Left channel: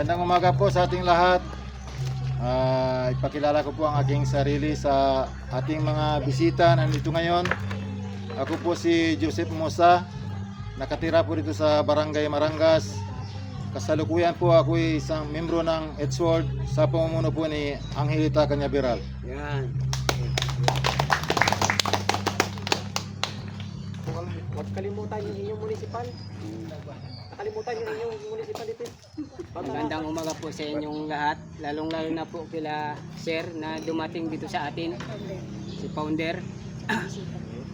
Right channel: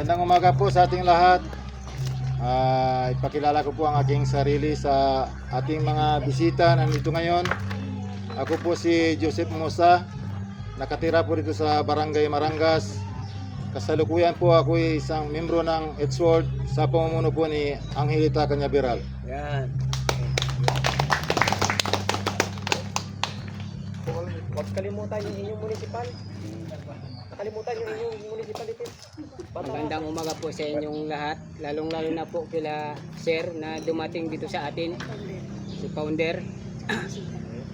Magandang umaga po sa ating lahat. Ipakilala ko po ang aking sarili sa ating mga bisita nandito ngayon. Ako po si Joseph Mosa, nakatira po dito sa Barangay Marangas. Kasalukuyan po ako ay isang membro ng Edgeworld sa pamumuno po ni Angelita Canyaveral. Yan. Huwag kalimutan yung inyong municipal. Nakalimutan yung inyong municipal ito. Magandang umaga po sa inyong lahat, lalong-lalo na po kila Sir na dumating dito sa atin, si Founder,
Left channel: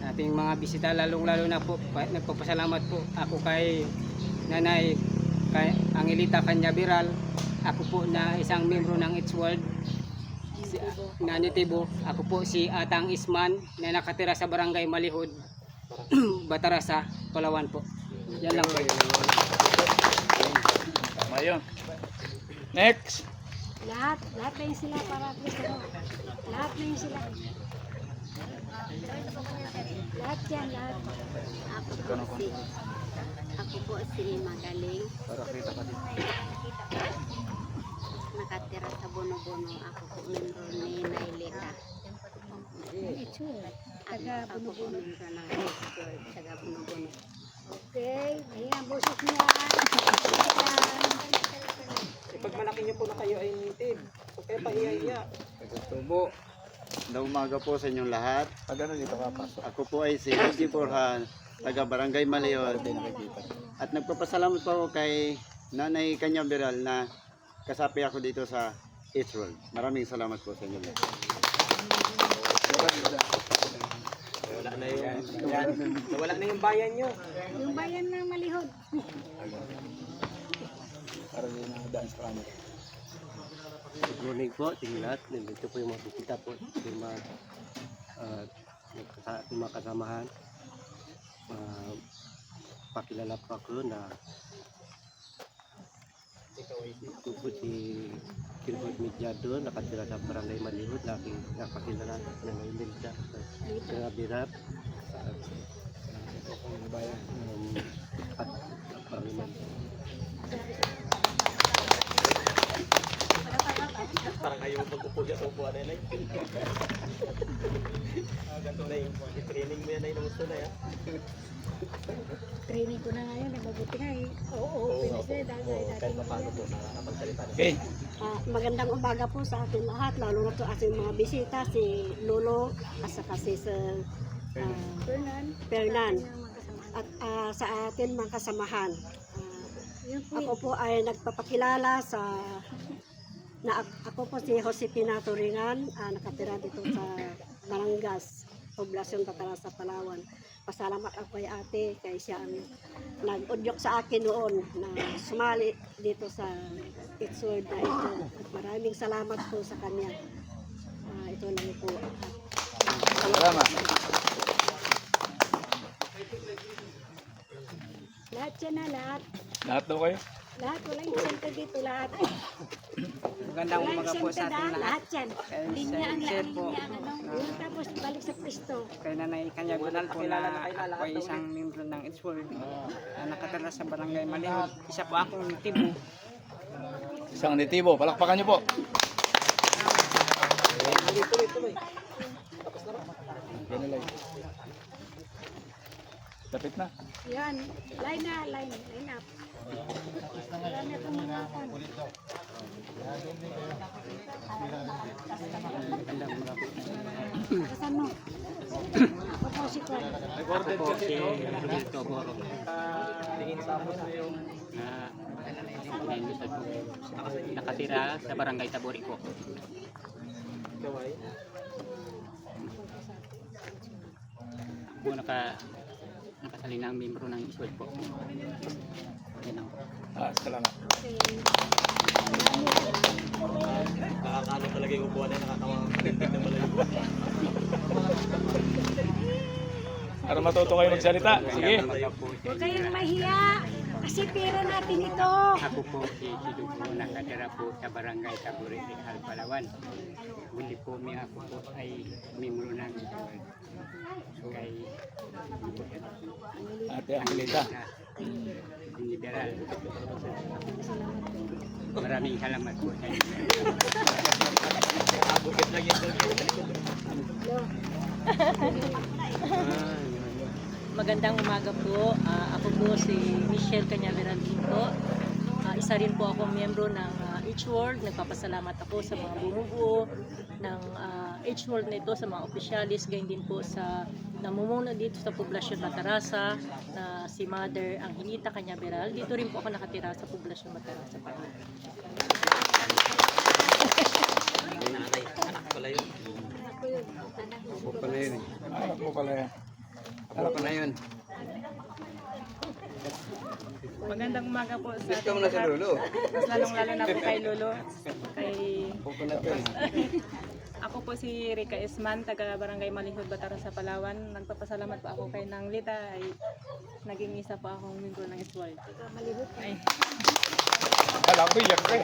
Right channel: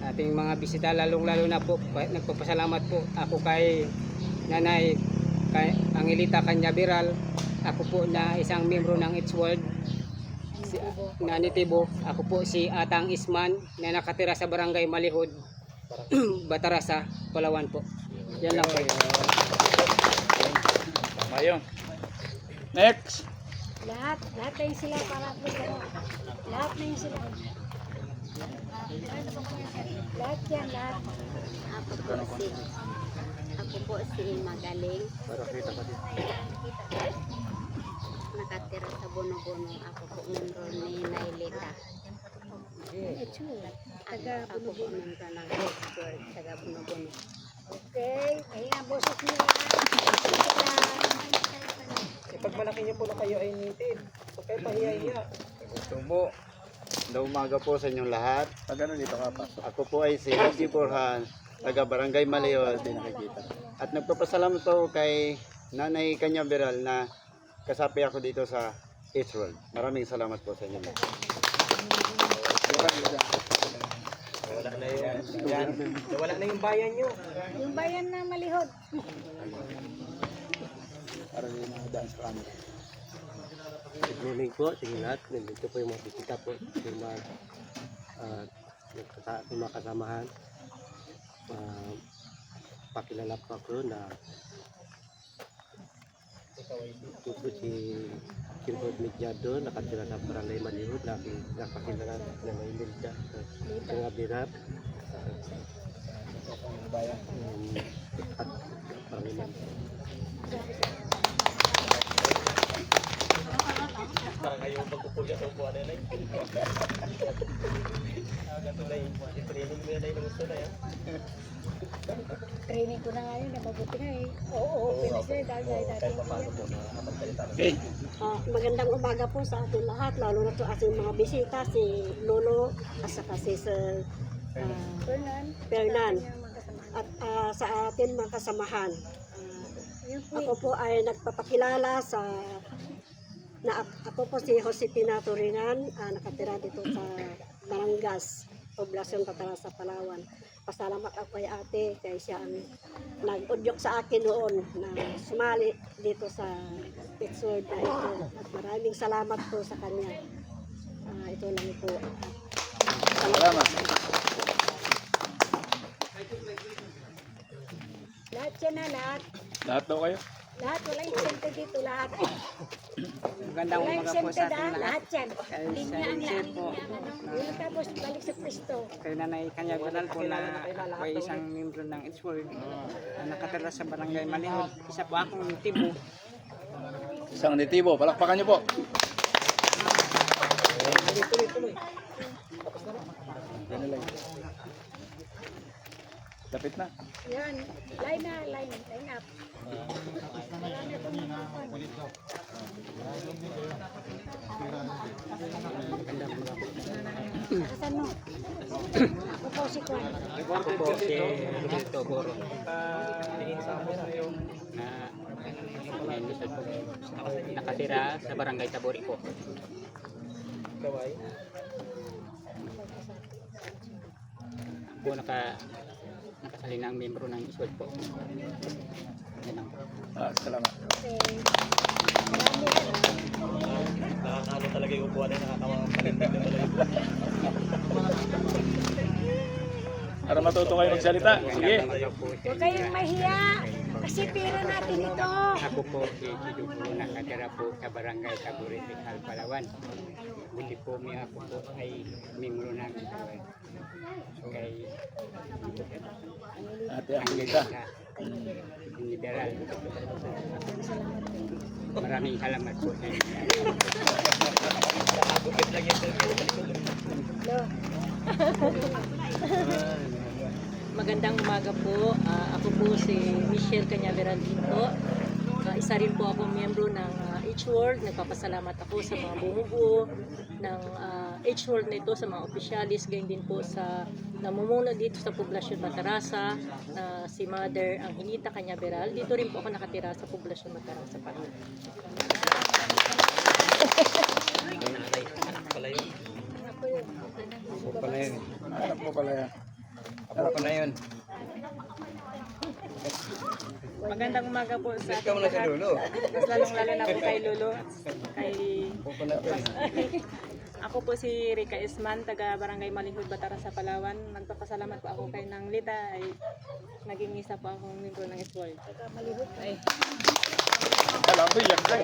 ating mga bisita, lalong-lalo na po, nagpapasalamat po ako kay Nanay kay Angelita Canyaveral, ako po na isang membro ng Edgeworld, si Nani Tibo, ako po si Atang Isman na nakatira sa Barangay Malihod, Batarasa, Palawan po. Yan lang po yun. Tama yun. Next. Lahat na yun sila para lahat na yun sila. Lahat yan, lahat. Ako po si Magaling. Nakatira sa Bono-Bono. Ako po membro ni Nailita. Ako po membro ng Edgeworld, taga Bono-Bono. Okay, ayun ang boses nila. Pag malaki niyo po na kayo ay native, huwag kayo pahiya-hiya. Tubo. Magandang umaga po sa inyong lahat. Pag ano dito ka pa? Ako po ay si Jose Borjan, taga Barangay Malihod. At nagpapasalamat po kay Nanay Canyaveral na kasapi ako dito sa Edgeworld. Maraming salamat po sa inyo lahat. Wala na yung bayan nyo. Yung bayan na Malihod. Para hindi nakadaan sa camera. Good morning po sa inyo lahat. Nandito po yung mga bisita po. Yung mga kasamahan. Pakilala po ako na ito po si Silbert Medyado, nakatira sa Barangay Malihod, nakakilala na Nailita Canyaveral at Panginoon. Parang ayaw magpupulit-upo na lang. Training mo yan ay namusta na yan. Training ko na ngayon, mabuti nga eh. Oo, finish na dahil dati. Okay. Magandang umaga po sa ating lahat, lalo na sa ating mga bisita, si Lolo, at saka si Sir Fernan, at sa ating mga kasamahan. Ako po ay nagpapakilala ako po si Josefina Turingan, nakatira dito sa Barangas, Poblasyon Batarasa, Palawan. Pasalamat ako kay ate, kay siya ang nag-udyok sa akin noon na sumali dito sa Edgeworld na ito. At maraming salamat po sa kanya. Ito lang po. Salamat. Lahat yan na, lahat. Lahat daw kayo? Lahat, walang sente dito, lahat. Magandang Walang umaga po sente sa ating lahat, lahat. lahat yan. Linya ang Sir lang, po, linya ang ano. Yun tapos balik sa pwesto. kay Nanay Canyaveral po na ako ay isang membro ng Edgeworld na nakatira sa Barangay Malihod. Isa po akong tibo. Isang nitibo. Palakpakan niyo po. Ganun lang. Lapit na. Yan, line up. Wala na itong mga pan. Kasan mo? Ako po si Kwan. Ako po si Roberto Boro na nakatira sa Barangay Tabori po. Ako nakasali ng membro ng Edgeworld po. Yan lang. Salamat. Okay. Nakakalo talaga yung upuan na nakatawa. Para matuto kayo magsalita. Sige. Huwag kayong mahiya. Kasi pera natin ito. Ako po si Sido po, nakatira po sa Barangay Tabori, Palawan. Hindi po ako po ay membro ng kay Ate Angelita. General. Maraming salamat po sa inyo. Magandang umaga po. Ako po si Michelle Cañaveral po. Isa rin po akong miyembro ng H-World. Nagpapasalamat ako sa mga bumubuo ng H-World na ito, sa mga opisyalis, gayon din po sa namumuno dito sa Poblasyon Batarasa na si Mother Angelita Cañaveral. Dito rin po ako nakatira sa Poblasyon Batarasa pa. Ako pala yun eh. Anak mo pala yun. Ako pala yun. Magandang umaga po sa ating lahat. Mas lalong-lalo na po kay Lolo. Ako pala yun. Ako po si Rica Isman, taga Barangay Malihud, Bataran sa Palawan. Nagpapasalamat po ako kay Nang Lita ay naging isa po akong membro ng Isworld. Ay, Alam ko yan ko.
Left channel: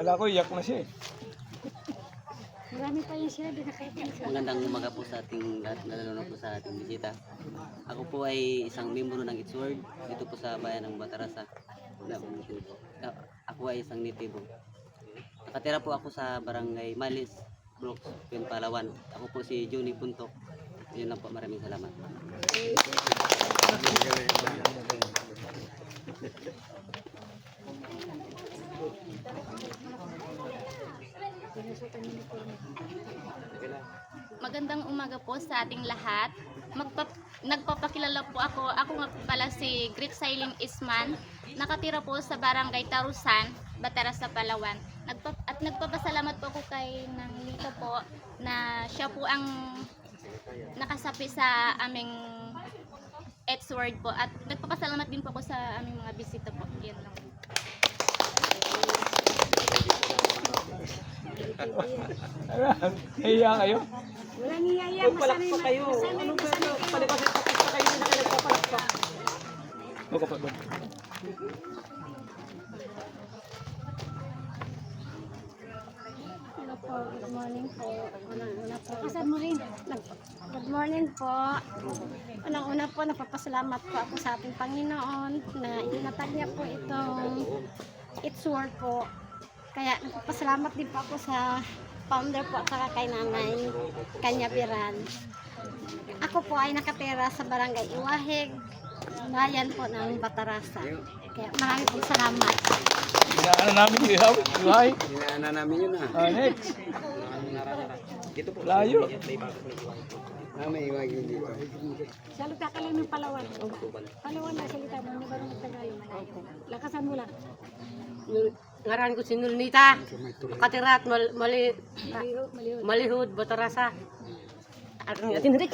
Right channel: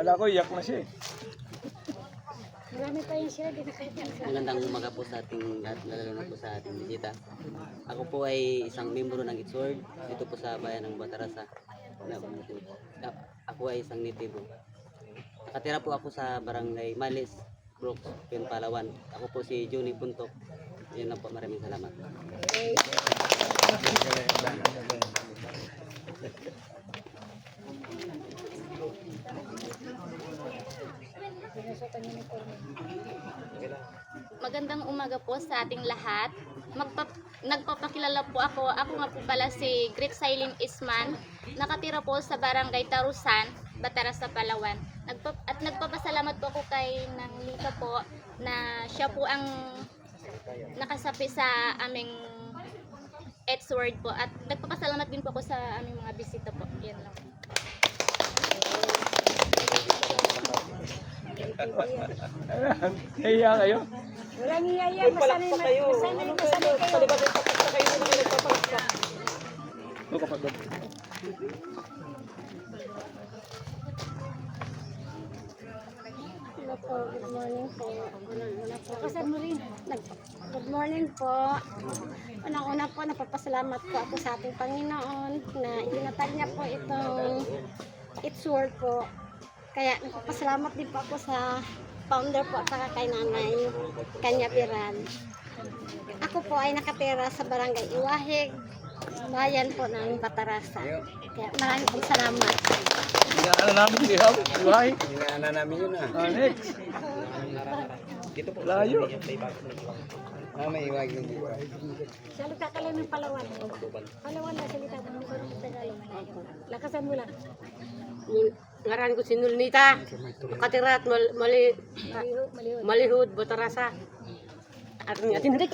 Alam ko yak na siya eh. Marami pa yan siya, di nakita. Magandang umaga po sa ating lahat, lalo na po sa ating bisita. Ako po ay isang membro ng H-World dito po sa bayan ng Batarasa. Ako ay isang nitibo. Nakatira po ako sa Barangay Malis, Brooks, Palawan. Ako po si Johnny Puntok. Yun lang po, maraming salamat. Magandang umaga po sa ating lahat. Nagpapakilala po ako. Ako nga po pala si Great Sailing Isman. Nakatira po sa Barangay Tarusan, Batarasa, Palawan. At nagpapasalamat po ako kay Nang Lita po na siya po ang nakasapi sa aming H-Word po. At nagpapasalamat din po ako sa aming mga bisita po. Yan lang. Nahiya kayo? Wala niya yan, masanay kayo. O kapatid. Hello po, good morning po. Unang-una po. Kasan mo rin? Good morning po. Unang-una po, nagpapasalamat po ako sa ating Panginoon na inatag niya po itong H-Word po. Kaya nagpapasalamat din po ako sa founder po at saka kay Nanay Cañaveral. Ako po ay nakatira sa Barangay Iwahig, bayan po ng Batarasa. Kaya maraming pong salamat. Inaana namin yung ihaw. Iwahe. Inaana namin yun Next. Layo. May iwagin dito. Salita ka lang ng Palawan. Palawan na salita mo, hindi ba ng Tagalog? Lakasan mo lang. Ngaran ko si Nulnita. Nakatira at Malihud, Batarasa. At ang atin rin.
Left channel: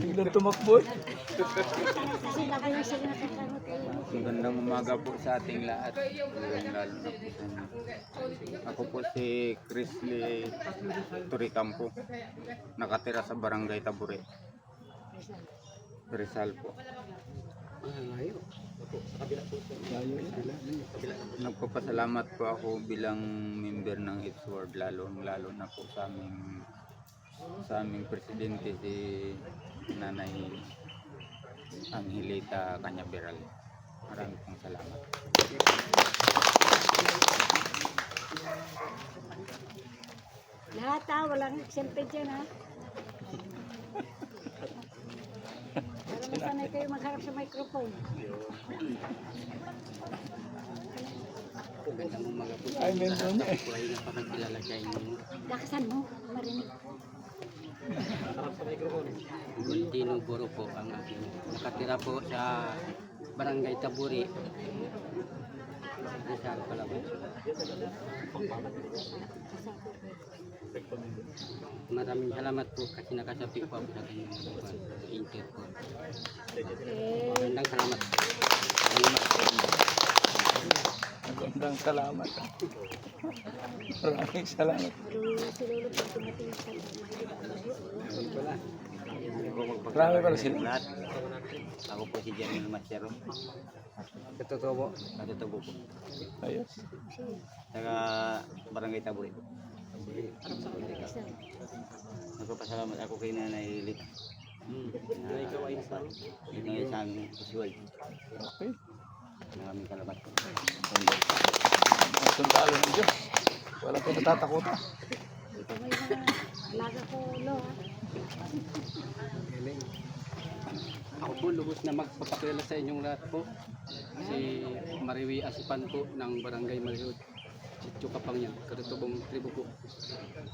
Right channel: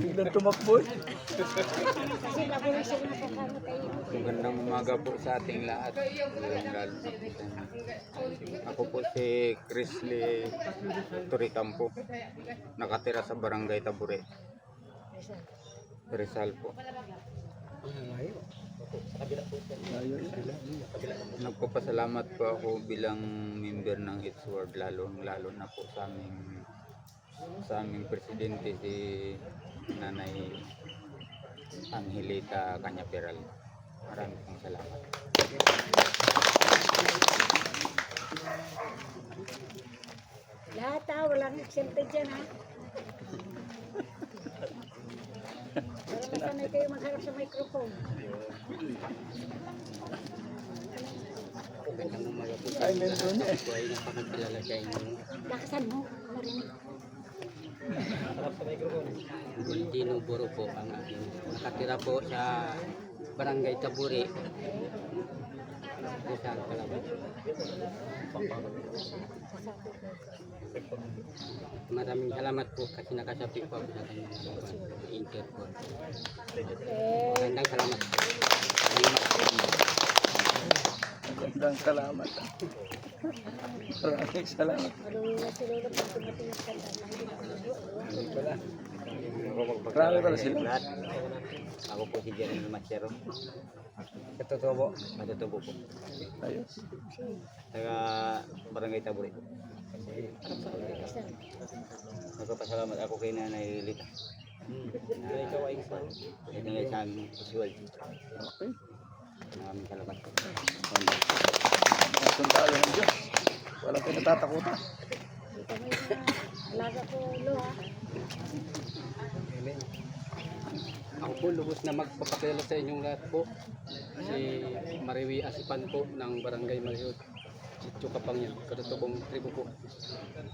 Tignan tumakbo. Kasi lagi na sila nakakamit kayo. Magandang umaga po sa ating lahat. Lalo na po sa inyo. Ako po si Chrisley Toricampo. Nakatira sa Barangay Tabure. Rizal po. Nagpapasalamat po ako bilang member ng H-Word, lalo na po sa aming presidente si Nanay Angelita Cañaveral. Maraming pong salamat. Lahat walang eksempted dyan ha. Para masanay kayo magharap sa microphone. Ay, meron na eh. Ako ay napakakilala sa inyo. Lakasan mo, marinig. Gontino Buro po ang aking nakatira po sa Barangay Taburi, Rizal, Palawan. Maraming salamat po kasi nakasapi po ako sa kanyang interport. Magandang salamat. Magandang salamat. Maraming salamat. Marami pala sila. Ako po si Jeremy Machero. Katutubo. Katutubo po. Ayos. Taga Barangay Taburi po. Nagpapasalamat ako kay Nanay Lita. Ikaw ay isa. Ito nga sa aming usual. Okay. Maraming salamat po. Sundalo ng Diyos. Walang pinatatakutan. Ito mo yung mga alaga ko ulo ha. Ako po lubos na magpapakilala sa inyong lahat po. Si Mariwi Asipan po ng Barangay Malihud. Sitio Kapangyan, Katutubong Tribo po.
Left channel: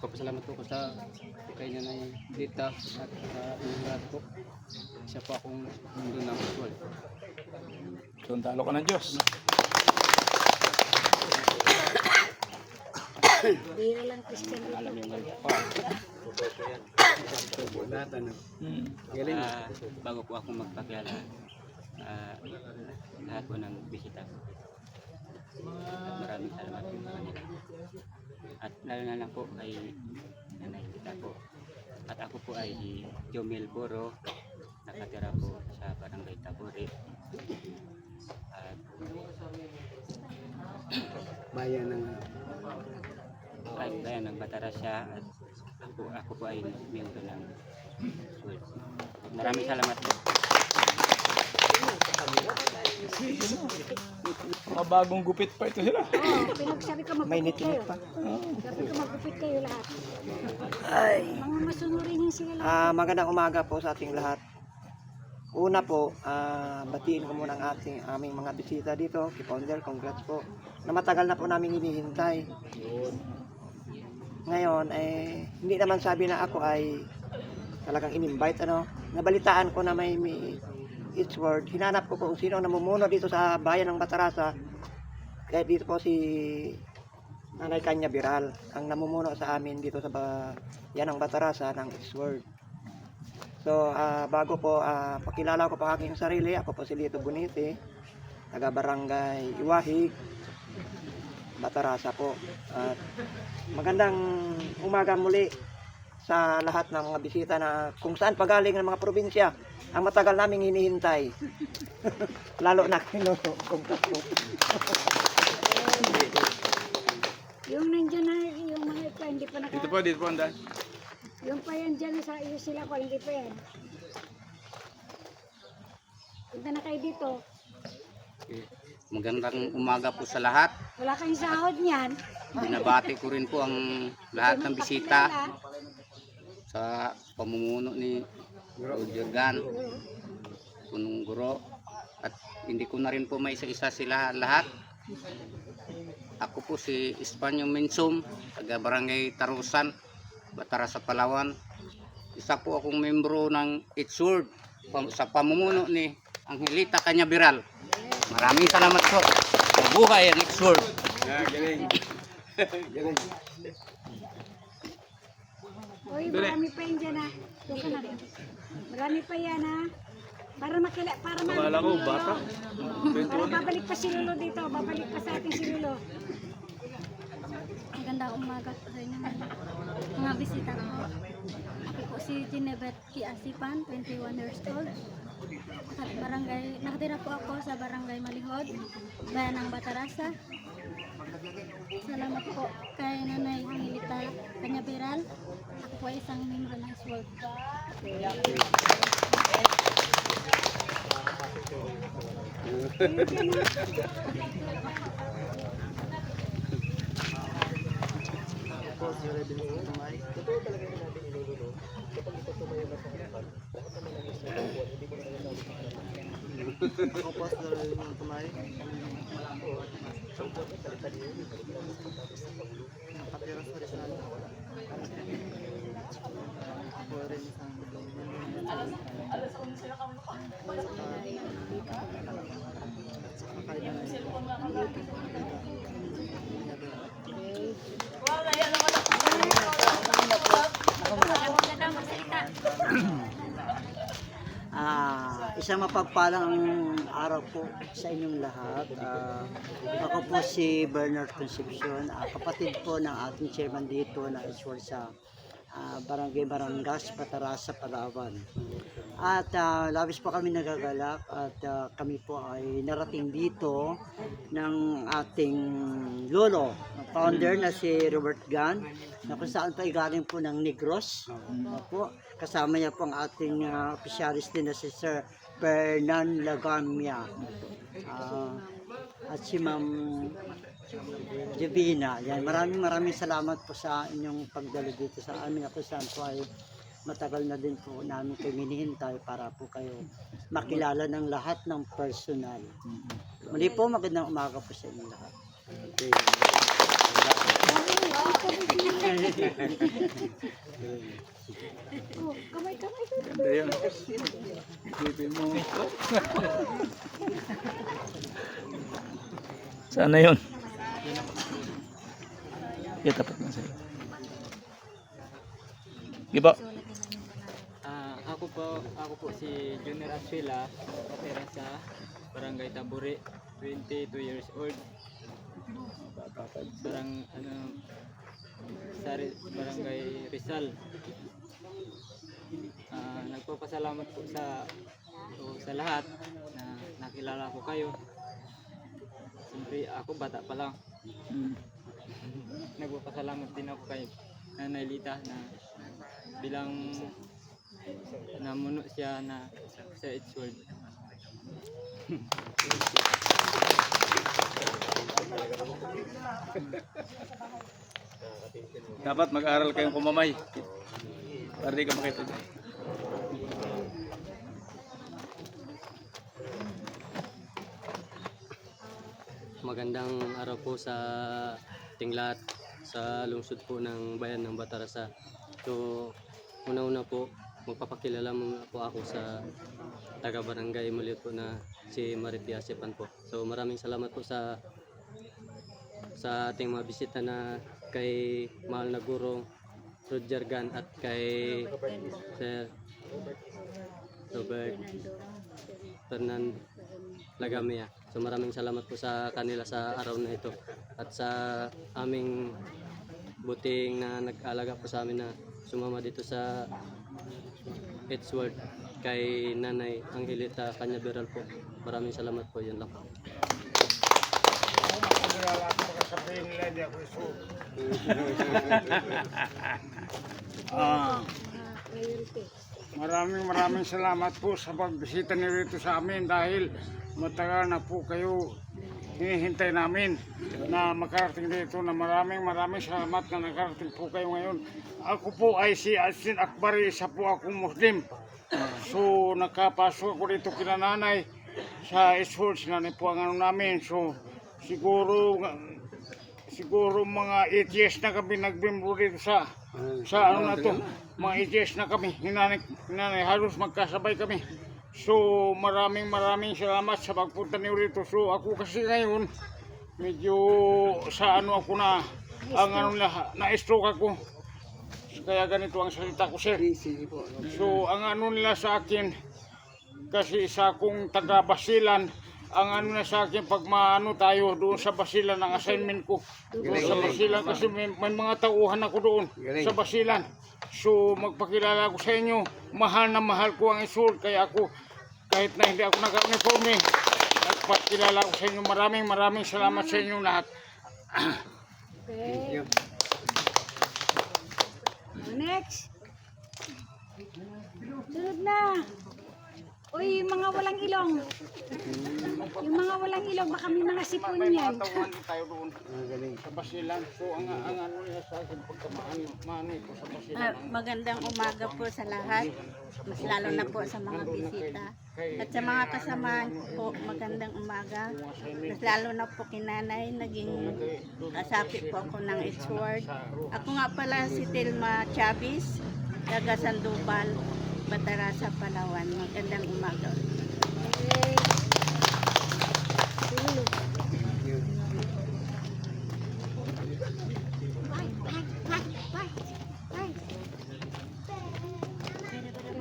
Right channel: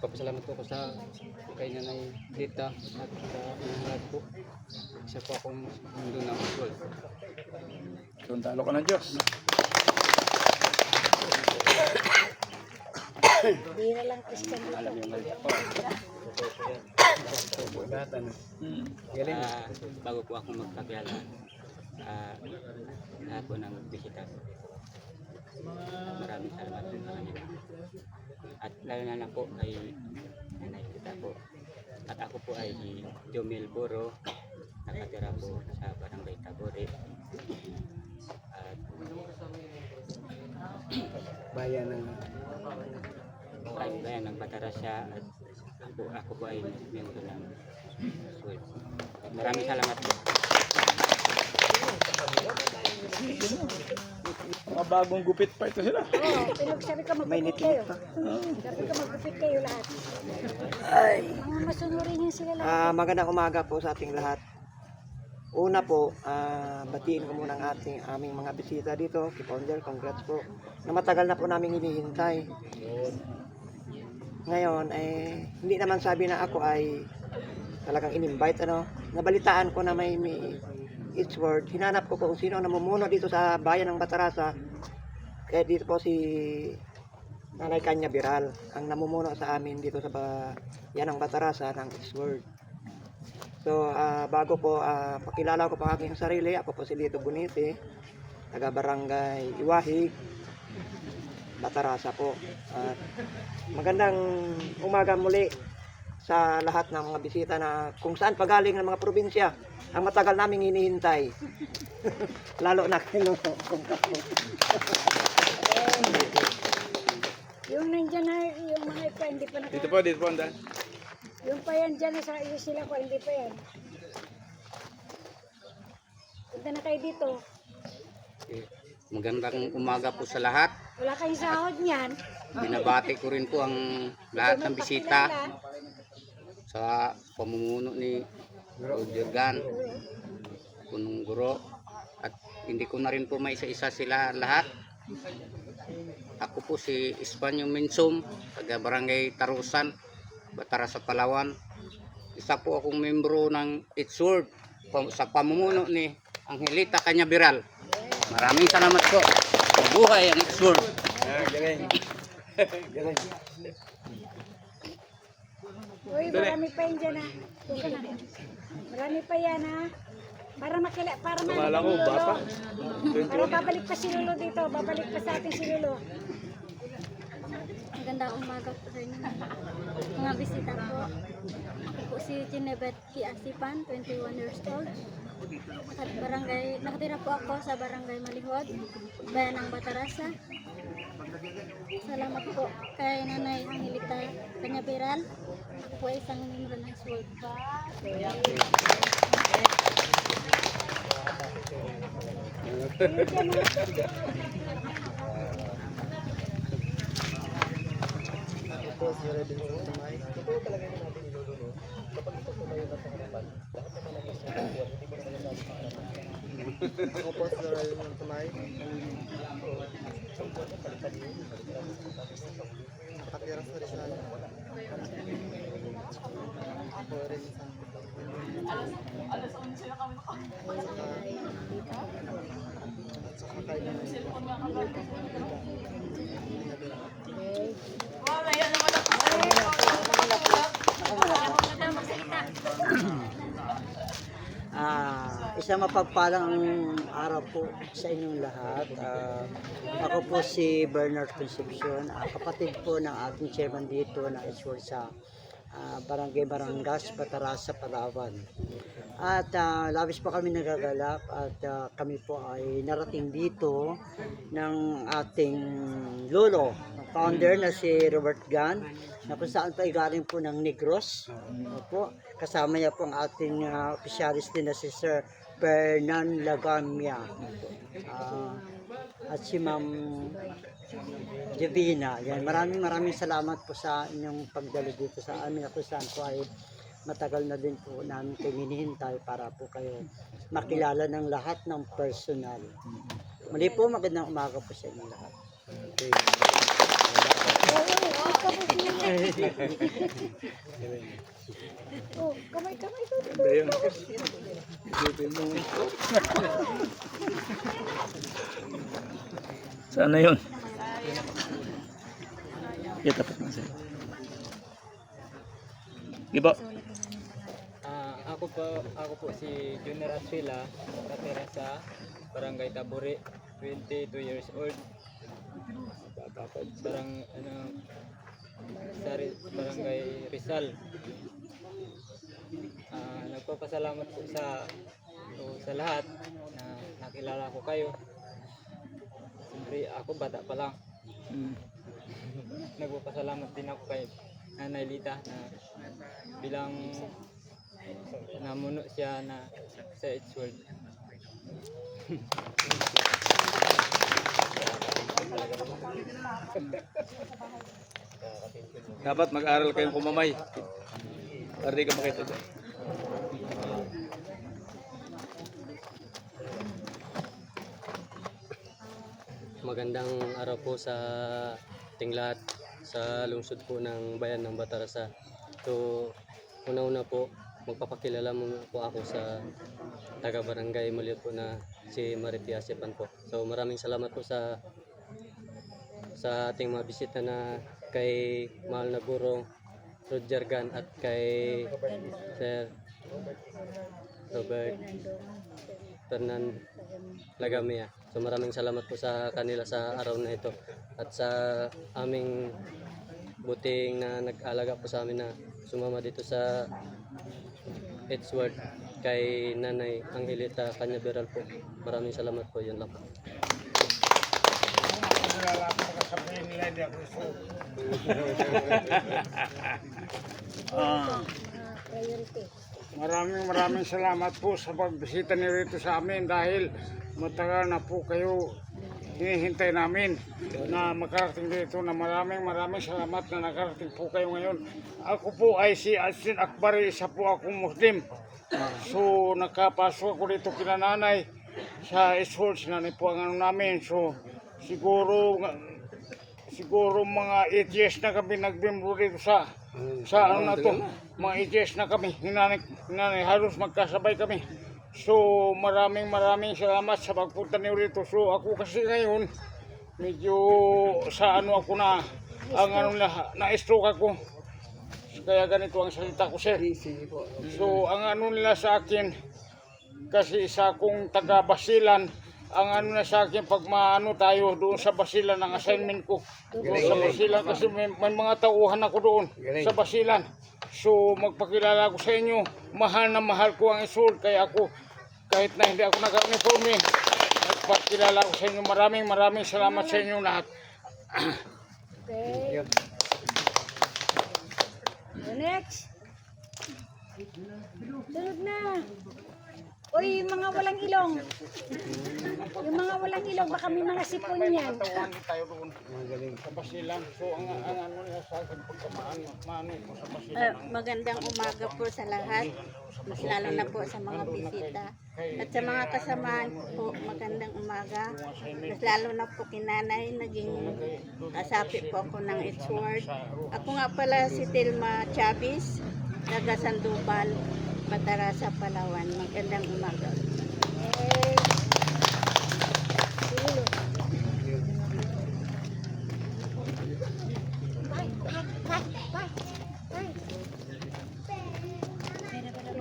Papasalamat po ko sa kay Nanay Lita at sa inyong lahat po. Isa po akong mundo ng usual. Sundalo ka ng Diyos. Bira lang Christian dito. Bago po ako magpakilala, lahat po ng bisita. Maraming salamat po sa kanila. At lalo na po ay Nanay Lita po. At ako po ay Jomel Boro, nakatira po sa Barangay Taburi. At Bayan ng bayan ng Batarasya at ako po ay miyembro ng school. Maraming salamat po. Mga bagong gupit pa ito sila. Oo, pinagsabi ka magupit kayo. Sabi ka magupit kayo lahat. Mga masunurin niya sila lahat. Magandang umaga po sa ating lahat. Una po, batiin ko muna ang aming mga bisita dito. Si Founder, congrats po. Na matagal na po namin hinihintay. Ngayon, hindi naman sabi na ako ay talagang in-invite. Nabalitaan ko na may Each Word. Hinanap ko po kung sino ang namumuno dito sa bayan ng Batarasa. Kaya dito po si Nanay Kanya Biral, ang namumuno sa amin dito sa bayan ng Batarasa ng Each Word. So, bago po, pakilala ko pa aking sarili. Ako po si Lito Bunisi, taga Barangay Iwahig, Batarasa po. At magandang umaga muli sa lahat ng mga bisita na kung saan pagaling ng mga probinsya ang matagal naming hinihintay. Lalo na Yung nandyan na, yung mga ito, hindi pa Dito po, Andan. Yung pa yan dyan, sa iyo sila ko, hindi pa yan. Punta na kayo dito. Magandang umaga po sa lahat. Wala kayong sahod niyan. Binabati ko rin po ang lahat ng bisita sa pamumuno ni Jurgan, Punong Guro, at hindi ko na rin po maisa-isa sila lahat. Ako po si Espanyo Minsum, taga Barangay Tarusan, Batarasa, Palawan. Isa po akong membro ng Each Word sa pamumuno ni Angelita Kanya Biral. Maraming salamat po. Buhay ang Each Word. Uy, marami pa yan dyan ha. Doon ka na. Marami pa yan ha. Para Wala ko, bata. Para babalik pa si Lolo dito. Babalik pa sa atin si Lolo. Magandang umaga po sa inyo mga bisita ko. Ako po si Ginebet P. Asipan, 21 years old. At nakatira po ako sa Barangay Malihud, bayan ng Batarasa. Salamat po kay Nanay Angelita Kanya Biral. Ako po ay isang membro ng SWORD. Isang mapagpalang araw po sa inyong lahat. Ako po si Bernard Concepcion, kapatid po ng ating chairman dito na Each Word sa Barangay Marangas, Batarasa, Palawan. At labis po kami nagagalak at kami po ay narating dito ng ating lolo, founder na si Robert Gan, na kung saan pa galing po ng Negros. Po. Kasama niya po ang ating opisyalis din na si Sir Fernan Lagamia. At si Ma'am Divina. Yan, maraming salamat po sa inyong pagdalo dito sa amin. Ako saan po ay matagal na din po namin kayo hinihintay para po kayo makilala ng lahat ng personal. Muli po, magandang umaga po sa inyong lahat. Okay. Kamay. Ayun. Isipin mo. Sana yun. Tapat na sa'yo. Iba. Ako po si Junior Atila, nakatira sa Barangay Taburi, 22 years old. Barangay Rizal. Nagpapasalamat po sa lahat na nakilala ko kayo. Siyempre ako bata pa lang. Nagpapasalamat din ako kay Nanay Lita na bilang namuno siya na sa H-World. Dapat mag-aral kayong kumamay. Para di ka makita doon. Magandang araw po sa ating lahat sa lungsod po ng bayan ng Batarasa. So, una-una po, magpapakilala muna po ako sa taga-barangay Maliot po na si Maritia Sipan po. So, maraming salamat po sa ating mga bisita na kay mahal na guro Roger Gan at kay Sir Robert Fernan Lagamia. So maraming salamat po sa kanila sa araw na ito at sa aming buting na nag-alaga po sa amin na sumama dito sa H-World kay Nanay Angelita Canyaveral po. Maraming salamat po, yun lang po. Maraming salamat po sa pagbisita niyo rito sa amin dahil matagal na po kayo hinihintay namin na makarating dito na maraming salamat na nakarating po kayo ngayon. Ako po ay si Asin Akbari, isa po akong Muslim. So nakapasok ako dito kina nanay sa H-World, sinanay po ang ano namin. So siguro mga 8 years na kami nagbimbro dito sa ano na to, mga 8 years na kami, hinanay halos magkasabay kami. So maraming salamat sa pagpunta niyo rito. So ako kasi ngayon medyo sa ano ako na ang ano na-stroke ako. Kaya ganito ang salita ko, sir. So ang ano nila sa akin, kasi isa akong taga Basilan, ang ano na sa akin pag maano tayo doon sa Basilan ang assignment ko. Doon sa Basilan kasi may mga tauhan ako doon sa Basilan. So magpakilala ko sa inyo, mahal na mahal ko ang H-World, kaya ako kahit na hindi ako naka-uniforme, nagpakilala ko sa inyo. Maraming salamat sa inyo lahat. Okay. Next. Tulog na. Uy, yung mga walang ilong. Yung mga walang ilong, baka may mga sipon yan. Tauhan tayo doon sa Basilan. So ang ano nila sa akin pagkamaano ko sa Basilan. Magandang umaga po sa lahat, mas lalo na po sa mga bisita at sa mga kasamahan ko po, magandang umaga, mas lalo na po kinanay, naging kasapi po ako ng H-World. Ako nga pala si Telma Chavez, taga Sandoval, Batarasa, Palawan. Magandang umaga.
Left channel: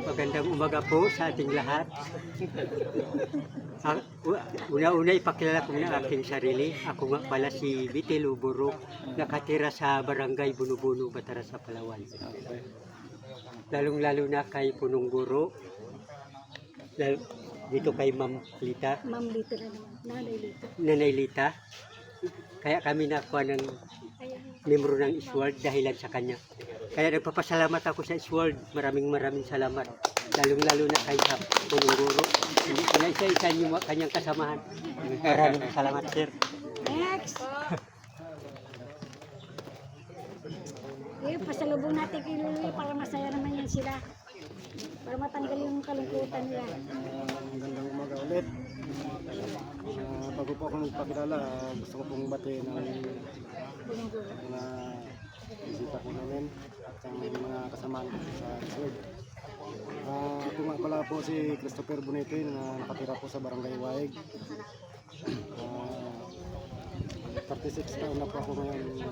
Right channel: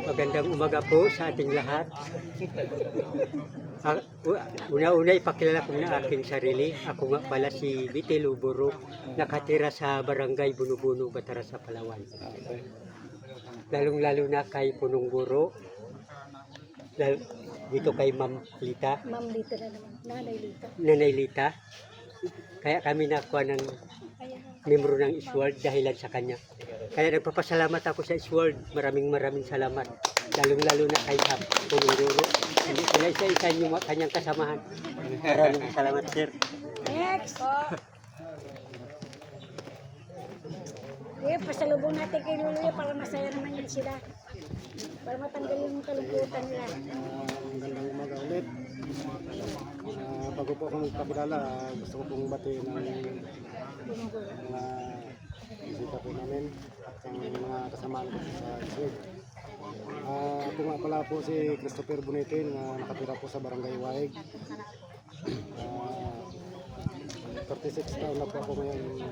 Magandang umaga po sa ating lahat. Una-una ipakilala ko na aking sarili. Ako nga pala si Vitel Uburo, nakatira sa Barangay Bunubuno, Batara sa Palawan. Lalong-lalo na kay Punong Buro, dito kay Ma'am Lita, Ma'am Lita na naman. Nanay Lita. Nanay Lita. Kaya kami nakuha ng membro ng Isword dahilan sa kanya. Kaya nagpapasalamat ako sa Isword. Maraming salamat. Lalong-lalo na kay Punong Buro. Hindi ko na isa-isa yung kanyang kasamahan. Maraming salamat, sir. Next! Pasalubong natin kay Luluya para masaya naman yan sila. Para matanggal yung kalungkutan nila. Magandang umaga ulit. Bago po ako magpakilala, gusto ko pong bati ng mga bisita po namin at ang mga kasamaan ko sa Isword. Ako nga pala po si Christopher Bonitin na nakatira po sa Barangay Waig. 36 taon na po ako ngayon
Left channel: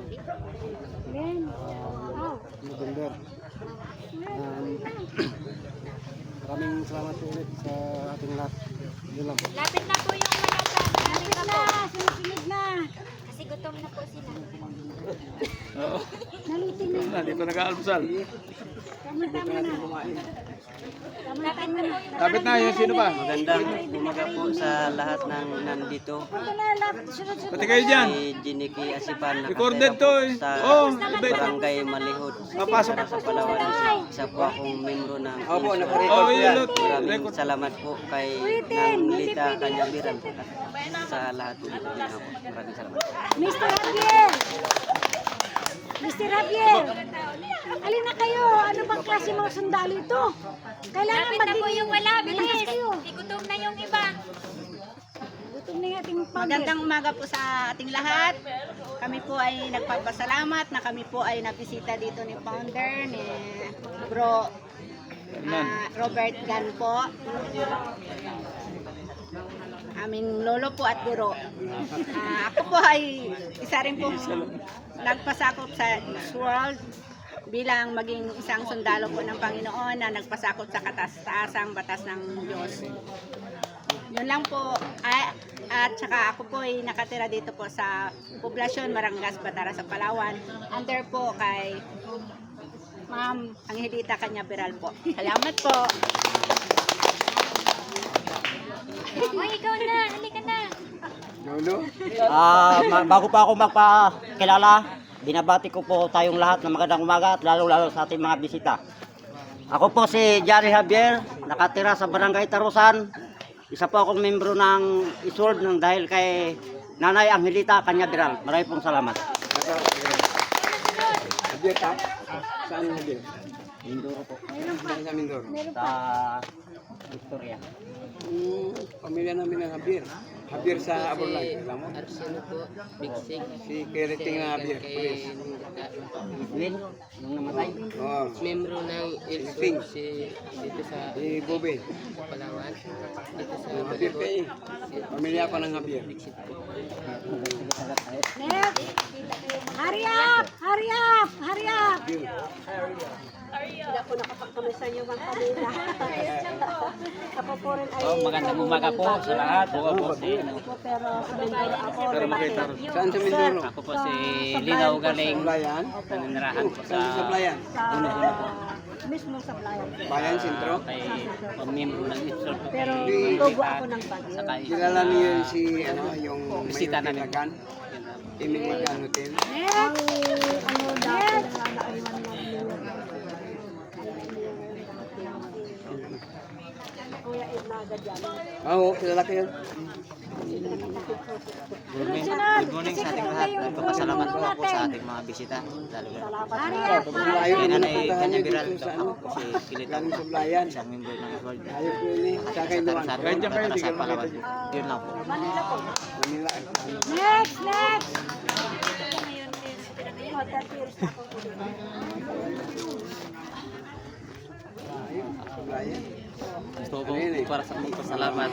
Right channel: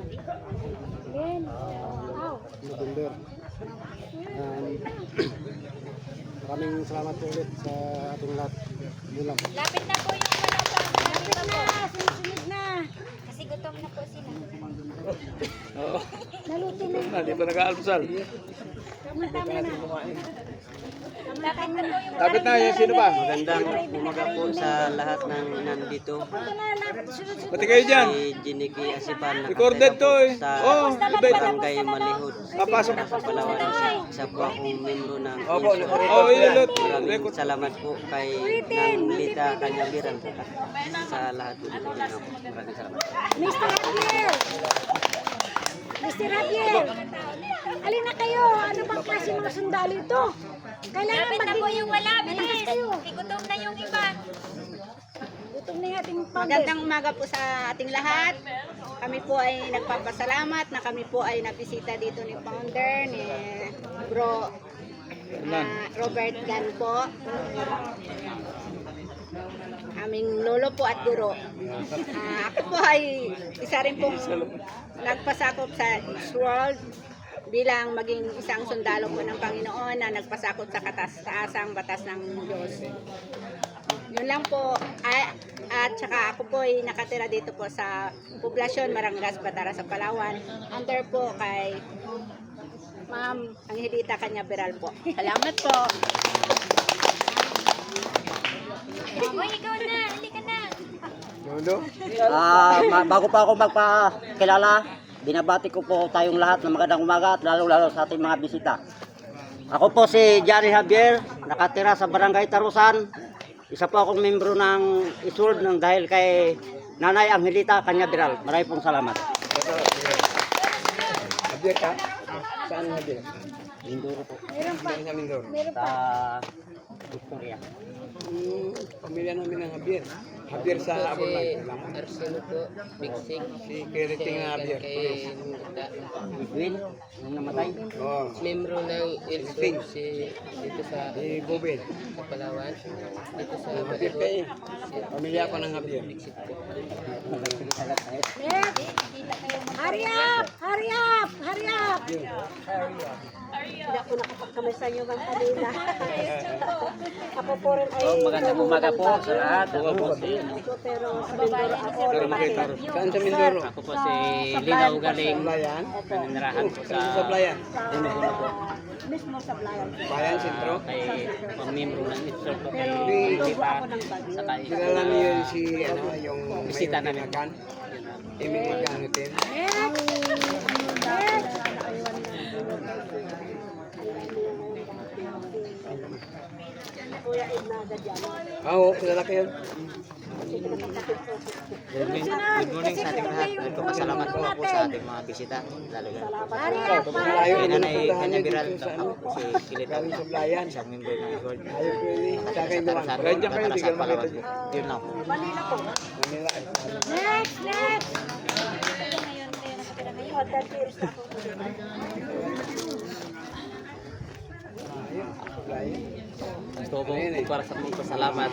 November. Maraming salamat po ulit sa ating lahat. Yun lang po. Lapit na po yung mga dyan. Lapit na! Sinisinid na! Kasi gutom na po sila. Nalutin na. Dito nag-aalmusal. Tama-tama na. Tama-tama na. Dapat na yung sino ba? Magandang umaga po sa lahat ng nandito. Pati kayo dyan. Si Jiniki Asipan, Recorded to eh. sa Oh, Barangay Malihod. Papasok. Sa Palawan. Isa po akong membro ng Oh, yun. Maraming salamat po kay Nang Lita Kanyabiran sa lahat po dito. Maraming salamat. Mr. Javier! Mr. Javier! Alin na kayo? Ano bang klase mga sundalo ito? Kailangan maging yung malakas kayo. Gutom na yung iba. Gutom na yung ating founder. Magandang umaga po sa ating lahat. Kami po ay nagpapasalamat na kami po ay nabisita dito ni founder, ni Bro Robert Dan po. Aming lolo po at guro. Ako po ay isa rin pong nagpasakop sa Isword bilang maging isang sundalo po ng Panginoon na nagpasakop sa katas-taasang batas ng Diyos. Yun lang po. At saka ako po ay nakatira dito po sa poblasyon Marangas, Batara sa Palawan. Under po kay Ma'am Angelita Kanyabiral po. Salamat po. Ikaw na, halika na. Bago pa ako magpakilala, binabati ko po tayong lahat ng magandang umaga at lalo-lalo sa ating mga bisita. Ako po si Johnny Javier, nakatira sa Barangay Tarusan. Isa po akong membro ng Isword dahil kay Nanay Angelita Kanyabiral. Maraming pong salamat. Javier ka? Saan Javier? Mindoro po. Meron pa. Meron pa. Victoria. Pamilya namin ng Javier. Javier sa Abolay. Arsenio po, Bigsing, Si Keriting Javier. Edwin, nung namatay. Oh. membro ng Ilsing, dito sa Si Bobel. Palawan. Dito sa Javier kayo. Pamilya pa ng Javier. Next! Hurry up! Hurry up! Hurry up! Hindi ako nakapagkamay sa inyo ng kanila. Ako po rin ay magandang umaga po sa lahat. Pero sa Mindoro ako. Pero makita. Saan sa Mindoro? Ako po si Linaw Galing, Playan? nanirahan po Saan sa Playan? Mismo sa Playan. Playan Sentro? pamembro ng Isword po. Pero tubo ako ng Baguio. Kilala niyo si ano, yung Bisita namin. Magan? Imig Magan Hotel. Next! Kuya Ednaga dyan. Oo, kilala kayo. Good morning sa ating lahat. Nagpapasalamat po ako sa ating mga bisita. Lalo yan. Hurry up! Kay Nanay Kanyabiral, ako po si Kilitaw, Sa Playan. isang membro ng Isword. Ayaw ko yun eh. Sa akin naman. Para sa Palawan po. Yun lang po. Manila. Next! Next! Hotel Tears ako. Gusto ko para sa magpasalamat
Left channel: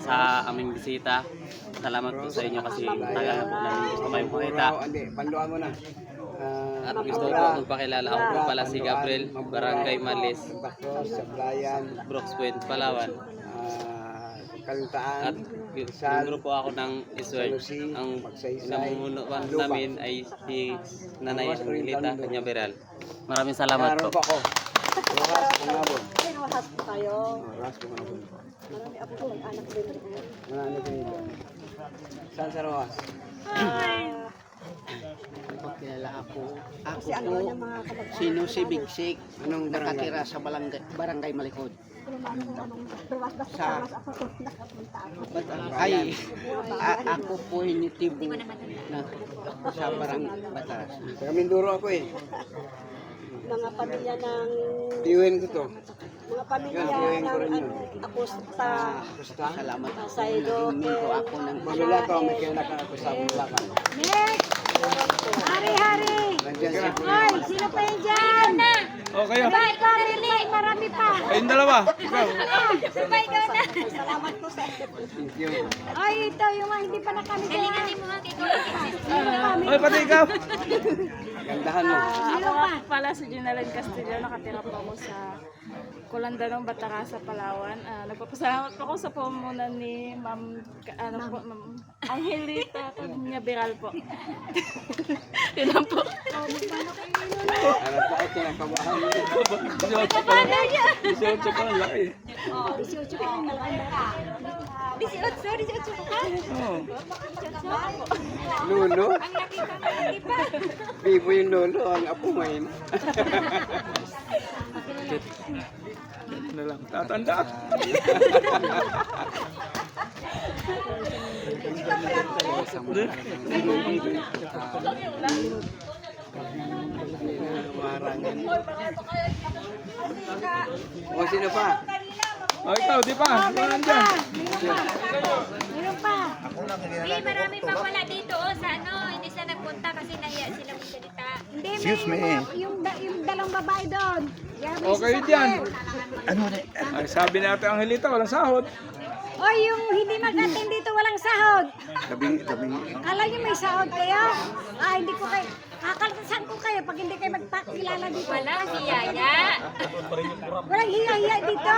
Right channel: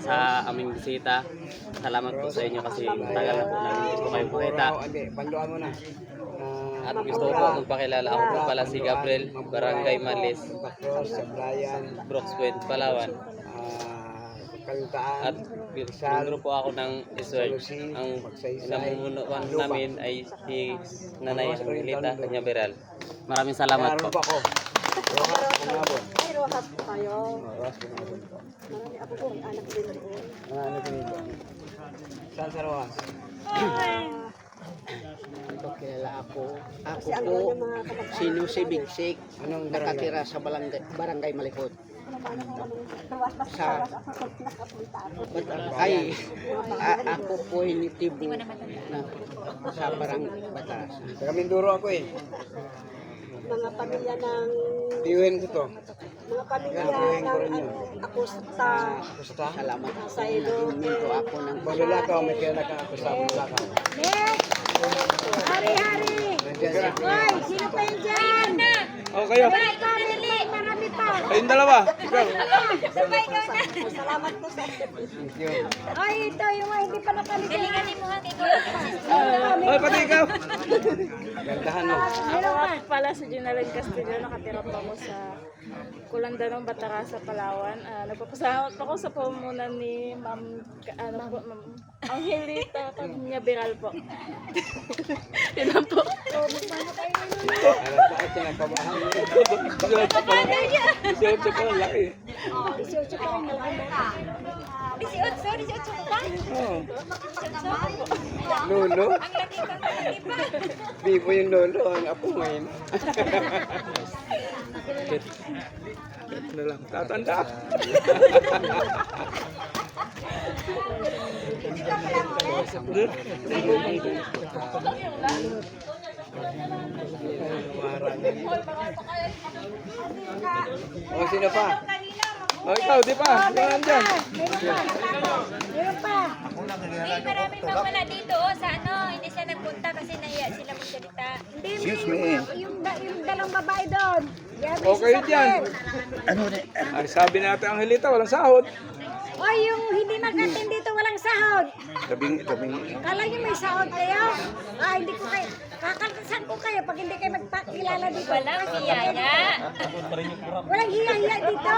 sa aming bisita. Salamat po sa inyo kasi tagal na po namin gusto kayong makita. Hindi, banduan mo na. At gusto ko magpakilala. Ako po pala si Gabriel, Barangay Malis, Bakos, sa Playan. Brooks Point, Palawan. At membro po ako ng Isword. Ang namumunuan namin ay si Nanay Angelita Cañaveral. Maraming salamat po. Pero hap tayo. Marami ako sa anak din. Saan sa Roa? Kilala ako. Ako Kasi ano po, yung mga kabag- si Lucy Bigsik, nung nakatira sa Barangay Malikod. Sa ay ako po initibo na sa Bataras. Sa Mindoro ako eh. mga pamilya ng Iuhin ko to. mga pamilya ng Acosta Salamat sa Ilote. ako ng Manila to, may kaya ako sa Bulacan. Hari-hari! Hoy, sino pa yan dyan? O kayo. Marami pa. Kayong dalawa. Salamat po sa Ay, ito yung mga hindi pa nakalimutan. Ay, pati ikaw. Gandahan mo. Ako pala si Ginaline Castillo, nakatira po ako sa Kulandanong, Batarasa, Palawan. Nagpapasalamat po ako sa pamumunan ni Ma'am Angelita Cañaveral po. Yun lang po. Ano pa ito ng pabahan mo? 18 pa lang laki. 18 pa rin malaki. 18 pa? Oo. Lolo? Bibo yung lolo, ang apo mo yun. Na lang. Tatanda. O sino pa? O ikaw, di pa? Saan dyan? Meron pa. Marami pa wala dito sa hindi siya nagpunta kasi nahiya sila magsalita. Hindi, yung dalang babae doon. Okay dyan. Ay, sabi natin ang Angelita, walang sahod. O yung hindi mag-attend dito walang sahod. Kala nyo may sahod kayo? Hindi ko kayo. Kakaltasan ko kayo pag hindi kayo magpakilala dito. Walang hiyaya. Walang hiya-hiya dito.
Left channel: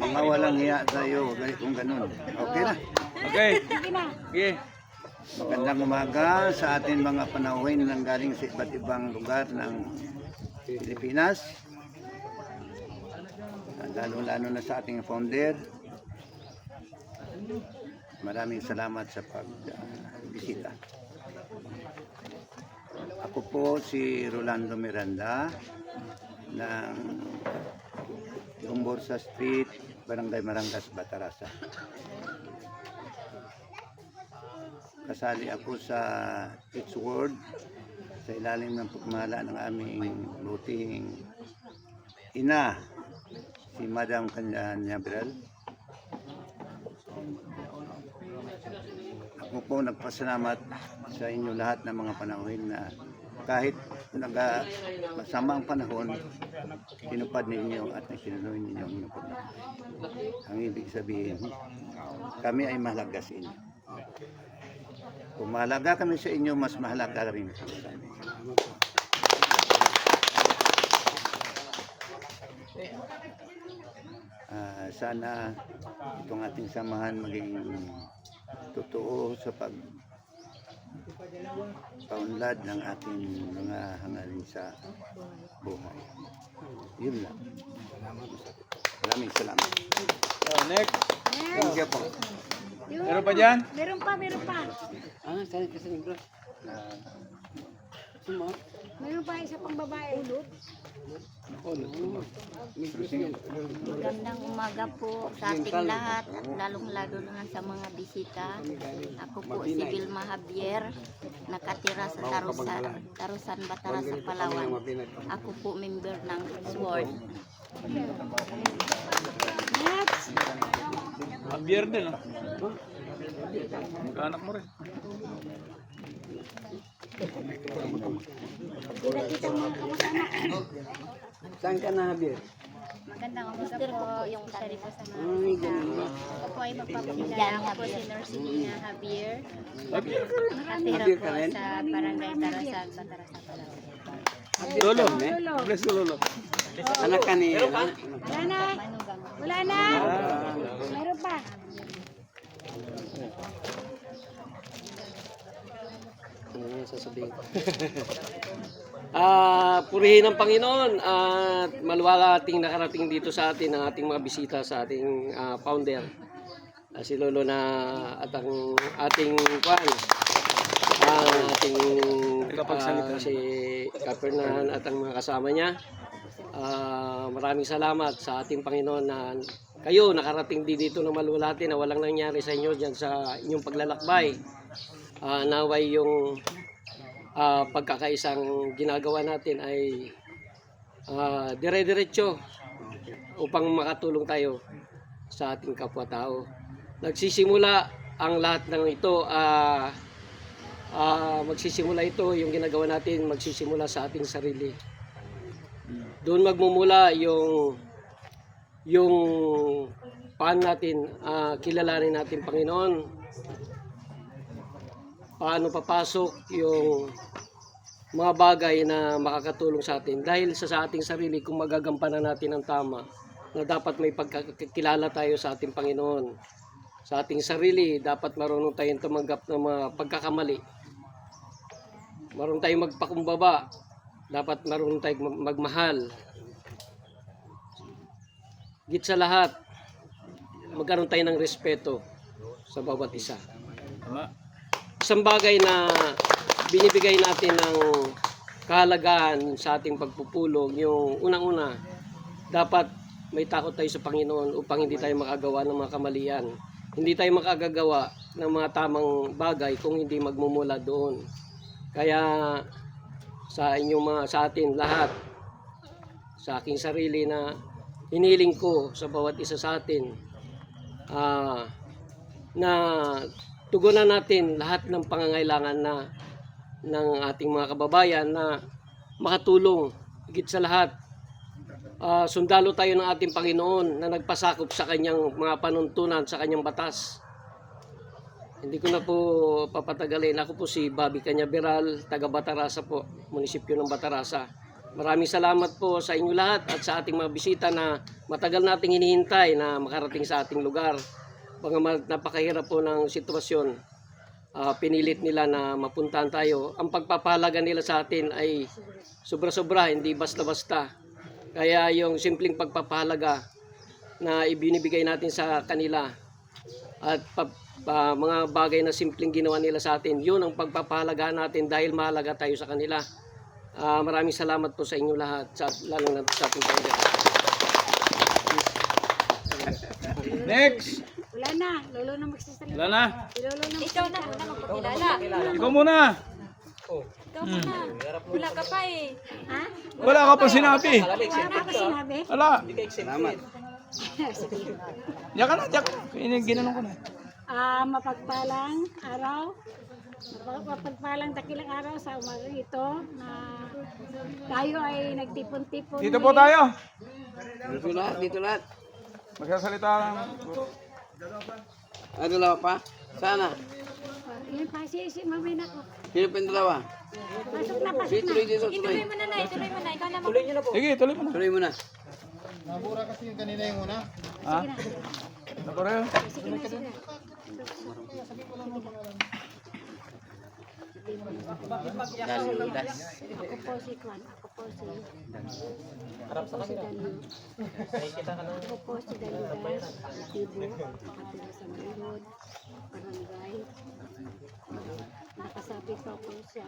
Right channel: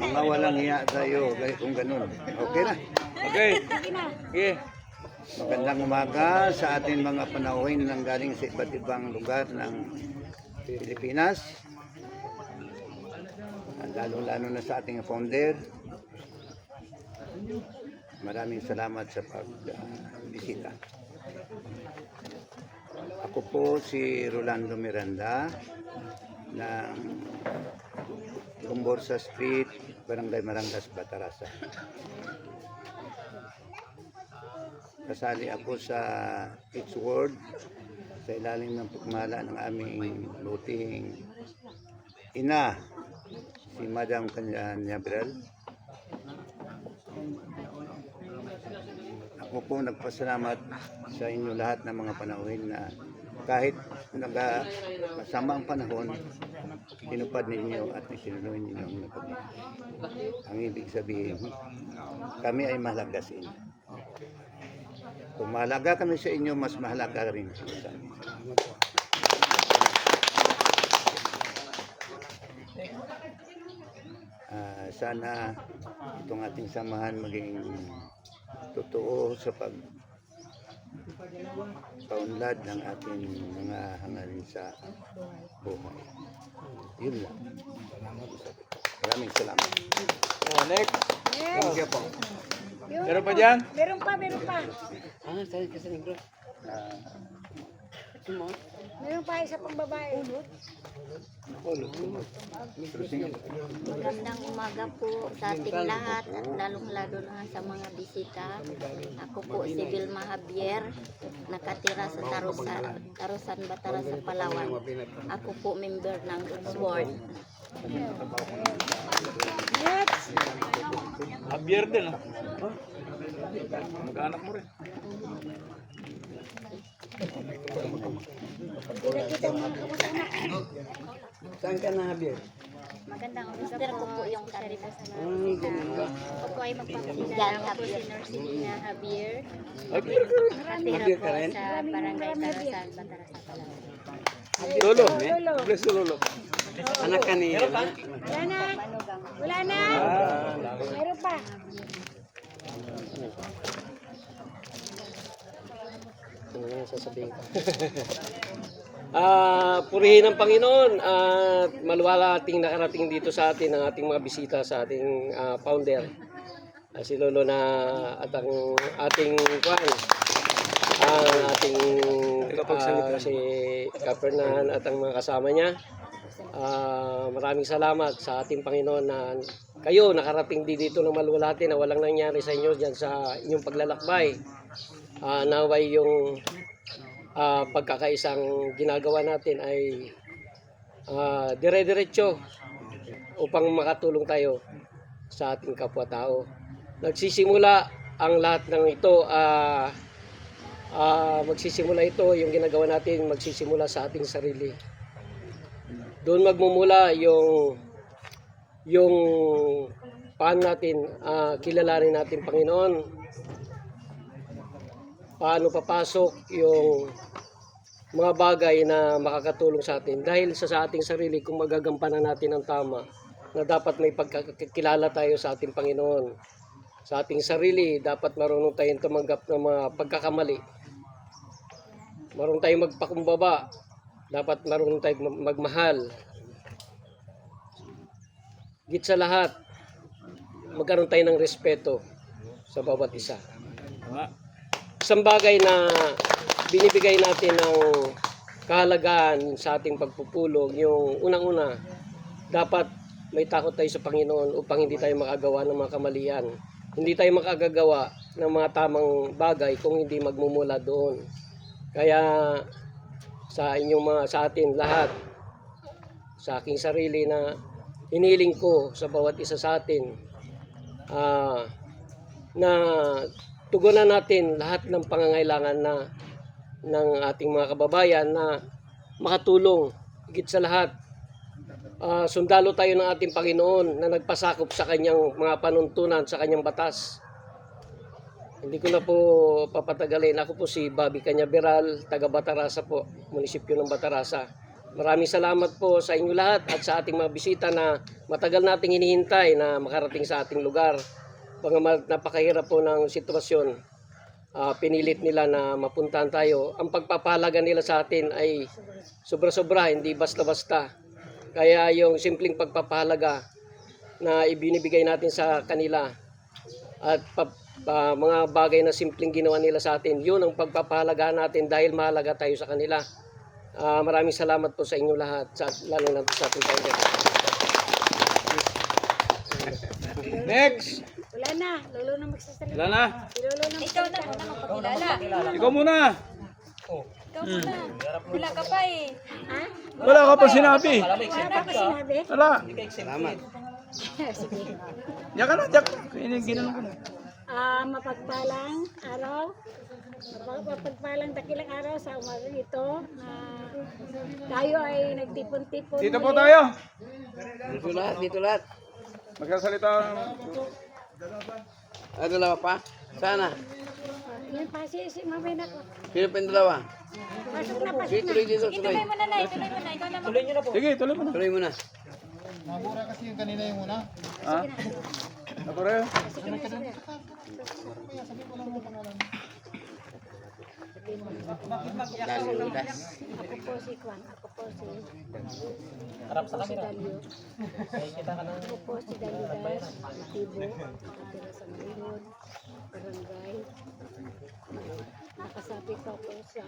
Mga walang hiya sa'yo, kung ganun. Okay na. Okay. Sige na. Okay. Magandang umaga sa ating mga panauhin nang galing sa iba't ibang lugar ng Pilipinas. Lalo-lalo na sa ating founder. Maraming salamat sa pagbisita. Ako po si Rolando Miranda ng Gumborsa Street, Barangay Marangas, Batarasa. Kasali ako sa It's World sa ilalim ng pagmala ng aming luting ina, si Madam Cañaveral. Ako po nagpasalamat sa inyo lahat ng mga panahon na kahit masama ang panahon, tinupad ninyo at nagsinuloy ninyo ang minupad. Ang ibig sabihin, kami ay mahalaga sa inyo. Kung mahalaga kami sa inyo, mas mahalaga rin sa amin. Sana itong ating samahan maging totoo sa pagpaunlad ng ating mga hangarin sa buhay. Yun lang. Maraming salamat. Next. Thank you po. Meron pa dyan? Meron pa. Saan kasi negro? Sino? Meron pa isa pang babae. Magandang umaga po sa ating lahat at lalong-lalo na sa mga bisita. Ako po si Vilma Javier, nakatira sa Tarusan, Batarasa, Palawan. Ako po member ng It's World. Javier din. Mag-anak mo rin. Kita mo kamag-anak. Saan ka na, Javier? Magandang umaga po yung sarili ko sa mga Ay, ganun. Ako po ay magpapakilala. Ako po si Norcina Javier. Javier. Nakatira po sa Barangay Tarusan, Batarasa, Palawan. Lolo. Bless you, Lolo. Anak ka ni... Wala na. Meron pa. Ano yung sasabihin ko? Purihin ng Panginoon at maluwalating nakarating dito sa atin ang ating mga bisita sa ating founder. Si Lolo na at ang ating ating si Kapernahan at ang mga kasama niya. Maraming salamat sa ating Panginoon na kayo nakarating dito ng maluwalhati na walang nangyari sa inyo dyan sa inyong paglalakbay. Naway yung pagkakaisang ginagawa natin ay dire-diretso upang makatulong tayo sa ating kapwa-tao. Nagsisimula ang lahat ng ito, magsisimula ito, yung ginagawa natin, magsisimula sa ating sarili. Doon magmumula yung paano natin kilalanin natin Panginoon, paano papasok yung mga bagay na makakatulong sa atin dahil sa ating sarili kung magagampanan natin ang tama na dapat may pagkakilala tayo sa ating Panginoon. Sa ating sarili, dapat marunong tayong tumanggap ng mga pagkakamali. Marunong tayong magpakumbaba. Dapat marunong tayong magmahal. Higit sa lahat, magkaroon tayo ng respeto sa bawat isa. Isang bagay na binibigay natin ng kahalagahan sa ating pagpupulong, yung unang-una, dapat may takot tayo sa Panginoon upang hindi tayo makagawa ng mga kamalian. Hindi tayo makagagawa ng mga tamang bagay kung hindi magmumula doon. Kaya sa atin lahat, sa aking sarili na hiniling ko sa bawat isa sa atin, na tugunan natin lahat ng pangangailangan ng ating mga kababayan na makatulong. Higit sa lahat, sundalo tayo ng ating Panginoon na nagpasakop sa kanyang mga panuntunan, sa kanyang batas. Hindi ko na po papatagalin. Ako po si Bobby Cañaveral, taga Batarasa po, munisipyo ng Batarasa. Maraming salamat po sa inyo lahat at sa ating mga bisita na matagal nating hinihintay na makarating sa ating lugar. Napakahirap po ng sitwasyon. Pinilit nila na mapuntahan tayo. Ang pagpapahalaga nila sa atin ay sobra-sobra, hindi basta-basta. Kaya yung simpleng pagpapahalaga na ibinibigay natin sa kanila at mga bagay na simpleng ginawa nila sa atin, yun ang pagpapahalaga natin dahil mahalaga tayo sa kanila. Maraming salamat po sa inyo lahat, lalo na sa ating Panginoon. Next! Wala na, lolo na magsasalita. Wala na. Lolo na Ikaw na magpakilala. Ikaw muna. Ikaw muna. Wala ka pa eh. Ha? Wala ka pa sinabi. Wala pa sinabi? Wala. Salamat. Sige. Diyan ka na, diyan. Ginanong ko na. Mapagpalang araw. Mapagpalang dakilang araw sa umaga ito na tayo ay nagtipon-tipon. Dito po tayo. Dito lahat. Magsasalita. Ano dalawa pa? Sana. Yan pa si mamay na ko. Sino pa yung dalawa? Pasok na, pasok na. Ituloy mo na na. Ituloy mo na. Ikaw na Sige, tuloy mo na. Tuloy mo na. Nabura kasi yung kanina yung una. Ha? Nabura yun. Ako po si Kwan. Ako po si Harap sa kanila. Ako po si Dalidas, Tibo, nakatira sa Malimod, Barangay. Nakasabi ko po sa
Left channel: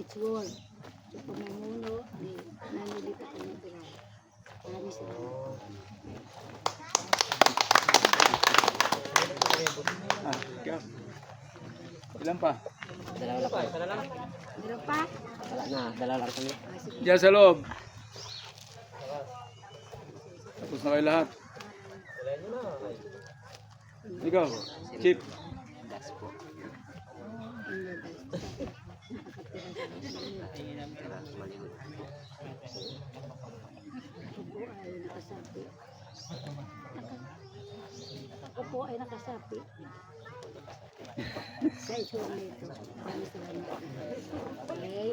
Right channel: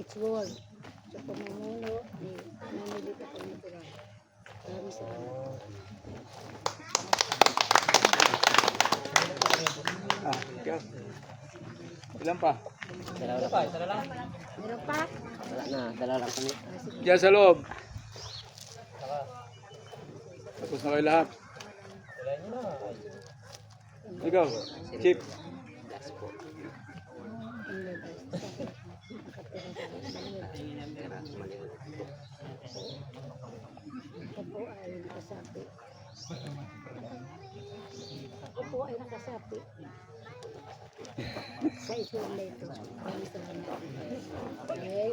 It's World. Sa pamumuno ni Nanilita Cañaveral. Maraming salamat. Ikaw. Ilan pa? Meron pa? Dala lang kami. Diyan sa loob. Tapos na kayo lahat. Ikaw, Chief. Ako po ay nakasapi. Sa isuwan na ito. Maraming salamat. Okay.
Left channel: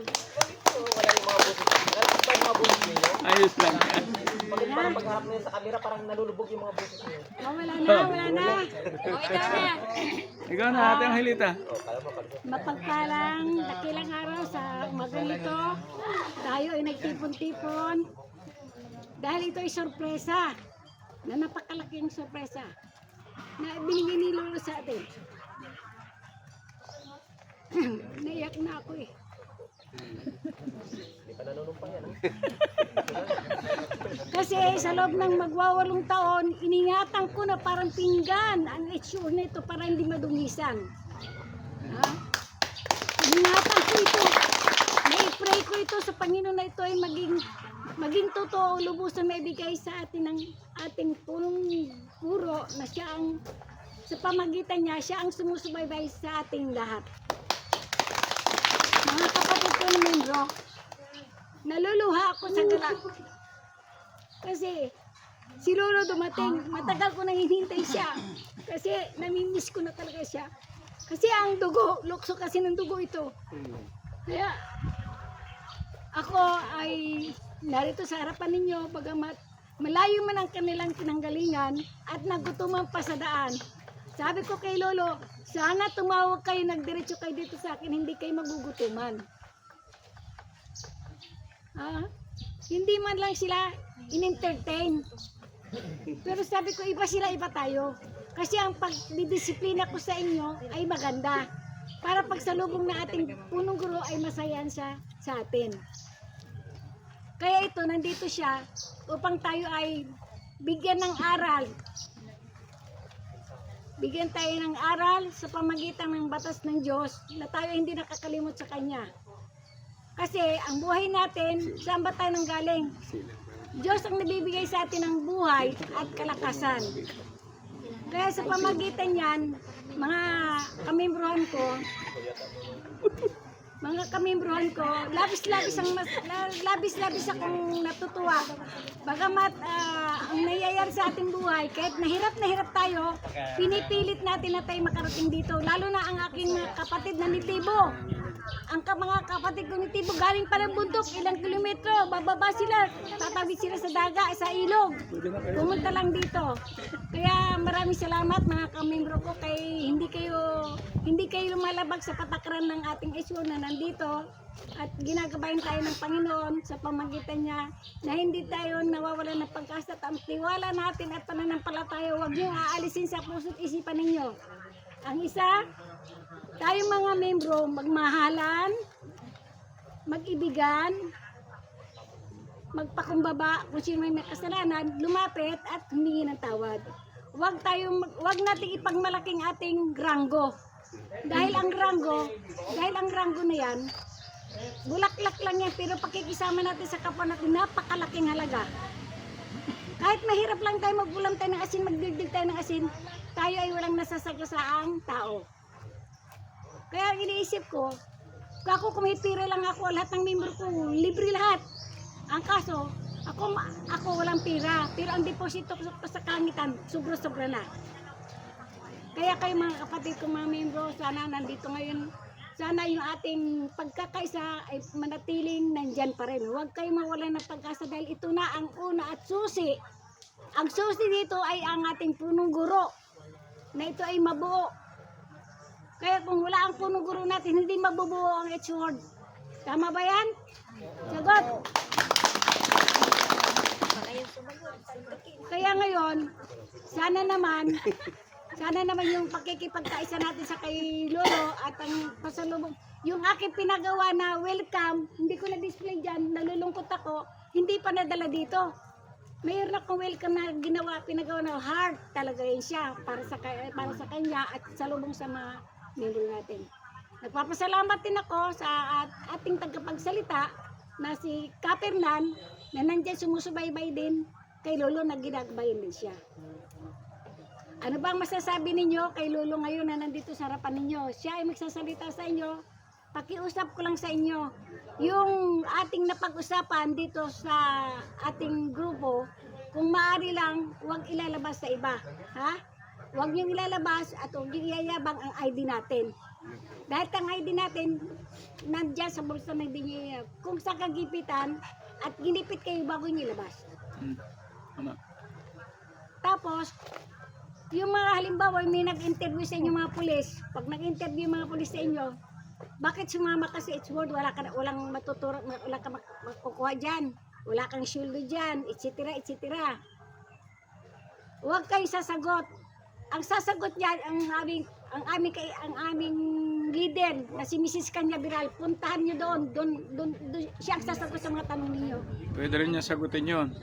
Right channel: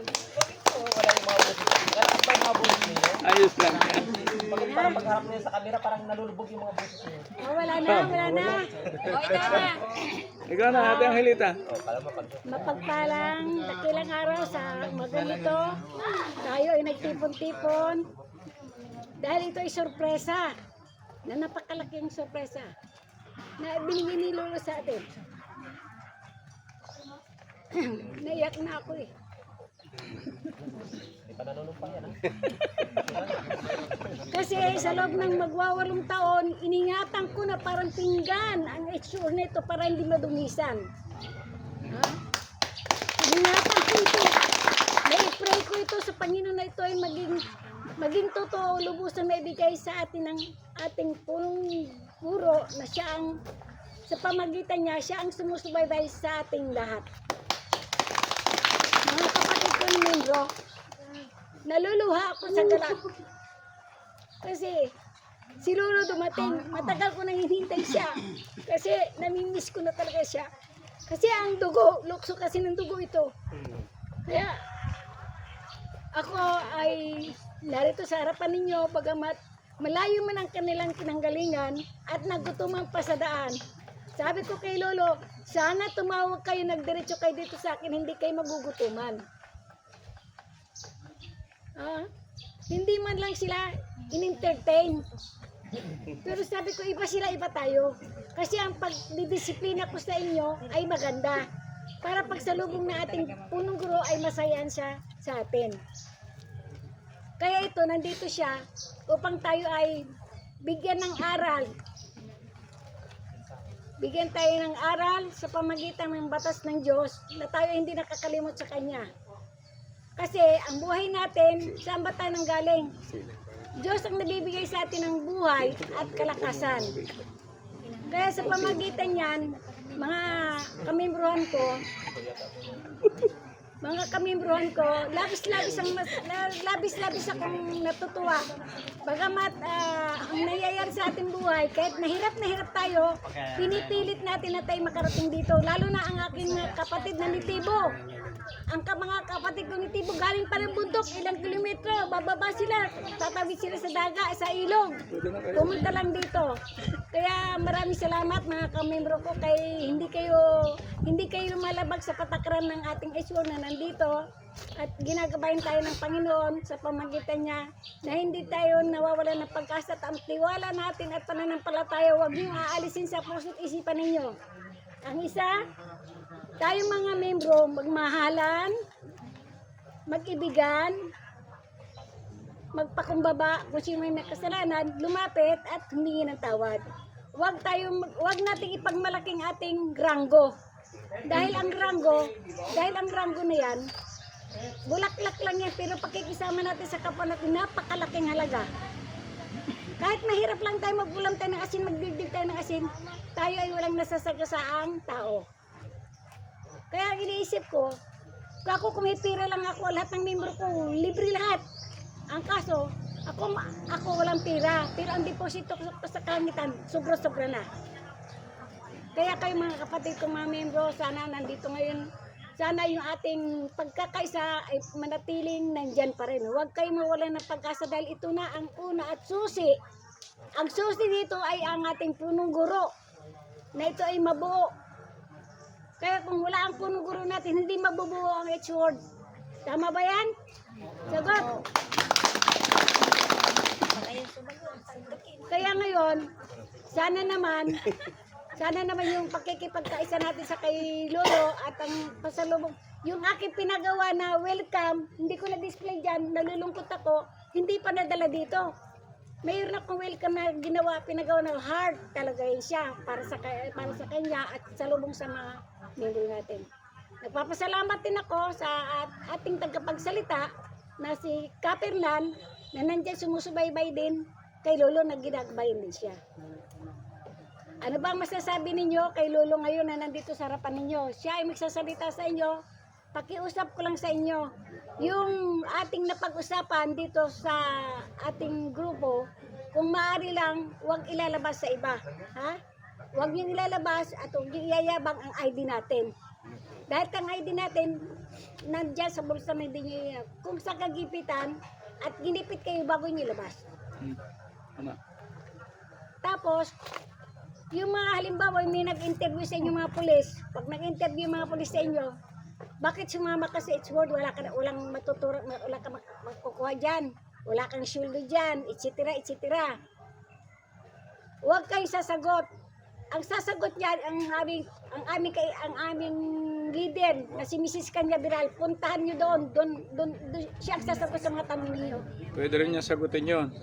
Ayos lang. parang pagharap niya sa camera, parang nalulubog yung mga boses niya. Oh, wala na, wala na. Ikaw na, Ate Angelita. Mapagpalang dakilang araw sa maganito. Tayo ay nagtipon-tipon. Dahil ito ay sorpresa. Na napakalaking sorpresa. Na binigay ni Lolo sa atin. Naiyak na ako eh. Kasi sa loob ng magwawalong taon, iningatan ko na parang pinggan ang itsure nito para hindi madumisan. Ha? Iningatan ko ito. Na-pray ko ito sa Panginoon na ito ay maging totoo, lubusan na ibigay sa atin ng ating punong guro na siya ang, sa pamagitan niya, siya ang sumusubaybay sa ating lahat. Mga kapatid ko ni Mindro, naluluha ako sa galak. Kasi si Lolo dumating, matagal ko nang hinihintay siya. Kasi namimiss ko na talaga siya. Kasi ang dugo, lukso kasi ng dugo ito. Kaya ako ay narito sa harapan ninyo, bagamat malayo man ang kanilang pinanggalingan at nagutuman pa sa daan. Sabi ko kay Lolo, sana tumawag kayo, nagdiretso kayo dito sa akin, hindi kayo magugutuman. Hindi man lang sila in-entertain. Pero sabi ko, iba sila, iba tayo. Kasi ang pagdidisiplina ko sa inyo ay maganda. Para pagsalubong na ating punong guro ay masayan siya sa atin. Kaya ito, nandito siya upang tayo ay bigyan ng aral. Bigyan tayo ng aral sa pamagitan ng batas ng Diyos na tayo hindi nakakalimot sa Kanya. Kasi ang buhay natin, saan ba tayo nanggaling? Diyos ang nabibigay sa atin ng buhay at kalakasan. Kaya sa pamagitan niyan, mga kamembrohan ko, labis-labis akong natutuwa. Bagamat ang nangyayari sa ating buhay, kahit na hirap tayo, pinipilit natin na tayo makarating dito. Lalo na ang aking kapatid na nitibo. Ang mga kapatid ko nitibo galing pa ng bundok, ilang kilometro, bababa sila, tatawid sila sa daga, sa ilog. Pumunta lang dito. Kaya maraming salamat mga kamembro ko kay hindi kayo lumalabag sa patakaran ng ating issue na nandito at ginagabayan tayo ng Panginoon sa pamagitan niya na hindi tayo nawawalan ng pag-asa at ang tiwala natin at pananampalataya huwag niyong aalisin sa puso't isipan ninyo. Ang isa, tayo mga membro, magmahalan, mag-ibigan, magpakumbaba kung sino may kasalanan, lumapit at humingi ng tawad. Huwag nating ipagmalaking ating ranggo. Dahil ang ranggo na yan, bulaklak lang yan, pero pakikisama natin sa kapwa natin, napakalaking halaga. Kahit mahirap lang tayo, magulam tayo ng asin, magdigdig tayo ng asin, tayo ay walang nasasagasaang tao. Kaya ang iniisip ko, ako kumipira lang ako, lahat ng membro ko, libre lahat. Ang kaso, ako walang pira, pero ang deposito ko sa kalangitan, sobra-sobra na. Kaya kayo mga kapatid kong mga membro, sana nandito ngayon, sana yung ating pagkakaisa ay manatiling nandyan pa rin. Huwag kayo mawalan ng pag-asa dahil ito na ang una at susi. Ang susi dito ay ang ating punong guro, na ito ay mabuo. Kaya kung wala ang punong guro natin, hindi mabubuo ang H-word. Tama ba yan? Sagot! Kaya ngayon, sana naman yung pakikipagkaisa natin sa kay Lolo at ang pasalubong, yung aking pinagawa na welcome, hindi ko na-display dyan, nalulungkot ako, hindi pa nadala dito. Mayroon akong welcome na pinagawa na heart talaga yun siya para sa kanya at salubong sa mga membro natin. Nagpapasalamat din ako sa ating tagapagsalita na si Kapernan na nandiyan sumusubaybay din kay Lolo na ginagabayan din siya. Ano bang masasabi ninyo kay Lolo ngayon na nandito sa harapan ninyo? Siya ay magsasalita sa inyo. Pakiusap ko lang sa inyo. Yung ating napag-usapan dito sa ating grupo, kung maaari lang, huwag ilalabas sa iba. Ha? Huwag yung ilalabas at huwag yung iyayabang ang ID natin. Dahil ang ID natin, nandiyan sa bulsa na hindi nyo. Kung sa kagipitan, at ginipit kayo bago nyo ilabas. Tapos, yung mga halimbawa, may nag-interview sa inyo mga pulis, pag nag-interview yung mga pulis sa inyo, bakit sumama ka sa H-word, walang matuturo, wala ka makukuha dyan, wala kang syuldo dyan, etc. etc. Huwag kayong sasagot. Ang sasagot niyan, ang aming leader na si Mrs. Kanya Biral, puntahan niyo doon siya ang sasagot sa mga tanong niyo. Pwede rin niya sagutin yun.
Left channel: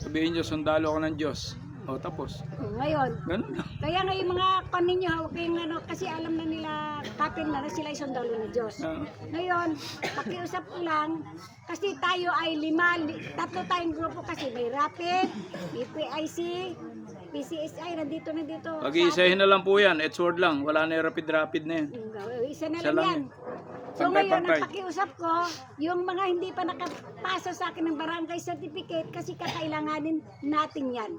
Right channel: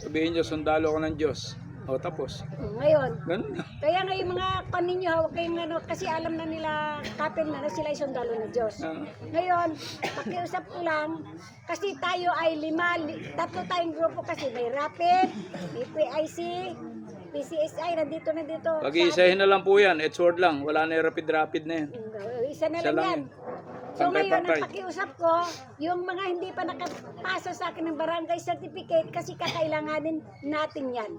Sabihin niyo, sundalo ako ng Diyos. O, tapos. Ngayon, Ganun na. kaya nga yung mga ninyo, hawak kayong kasi alam na nila kapeng na sila ay sundalo ng Diyos. Ngayon, pakiusap ko lang, kasi tayo ay tatlo tayong grupo kasi may Rapid, may PIC, PCSI, nandito. Pag-iisahin na lang po yan, Edward lang. Wala na yung rapid na yan. Isa na Isa lang lang yan. So ngayon, Pantay-pantay. ang pakiusap ko, yung mga hindi pa nakapasa sa akin ng barangay certificate, kasi kakailanganin natin yan.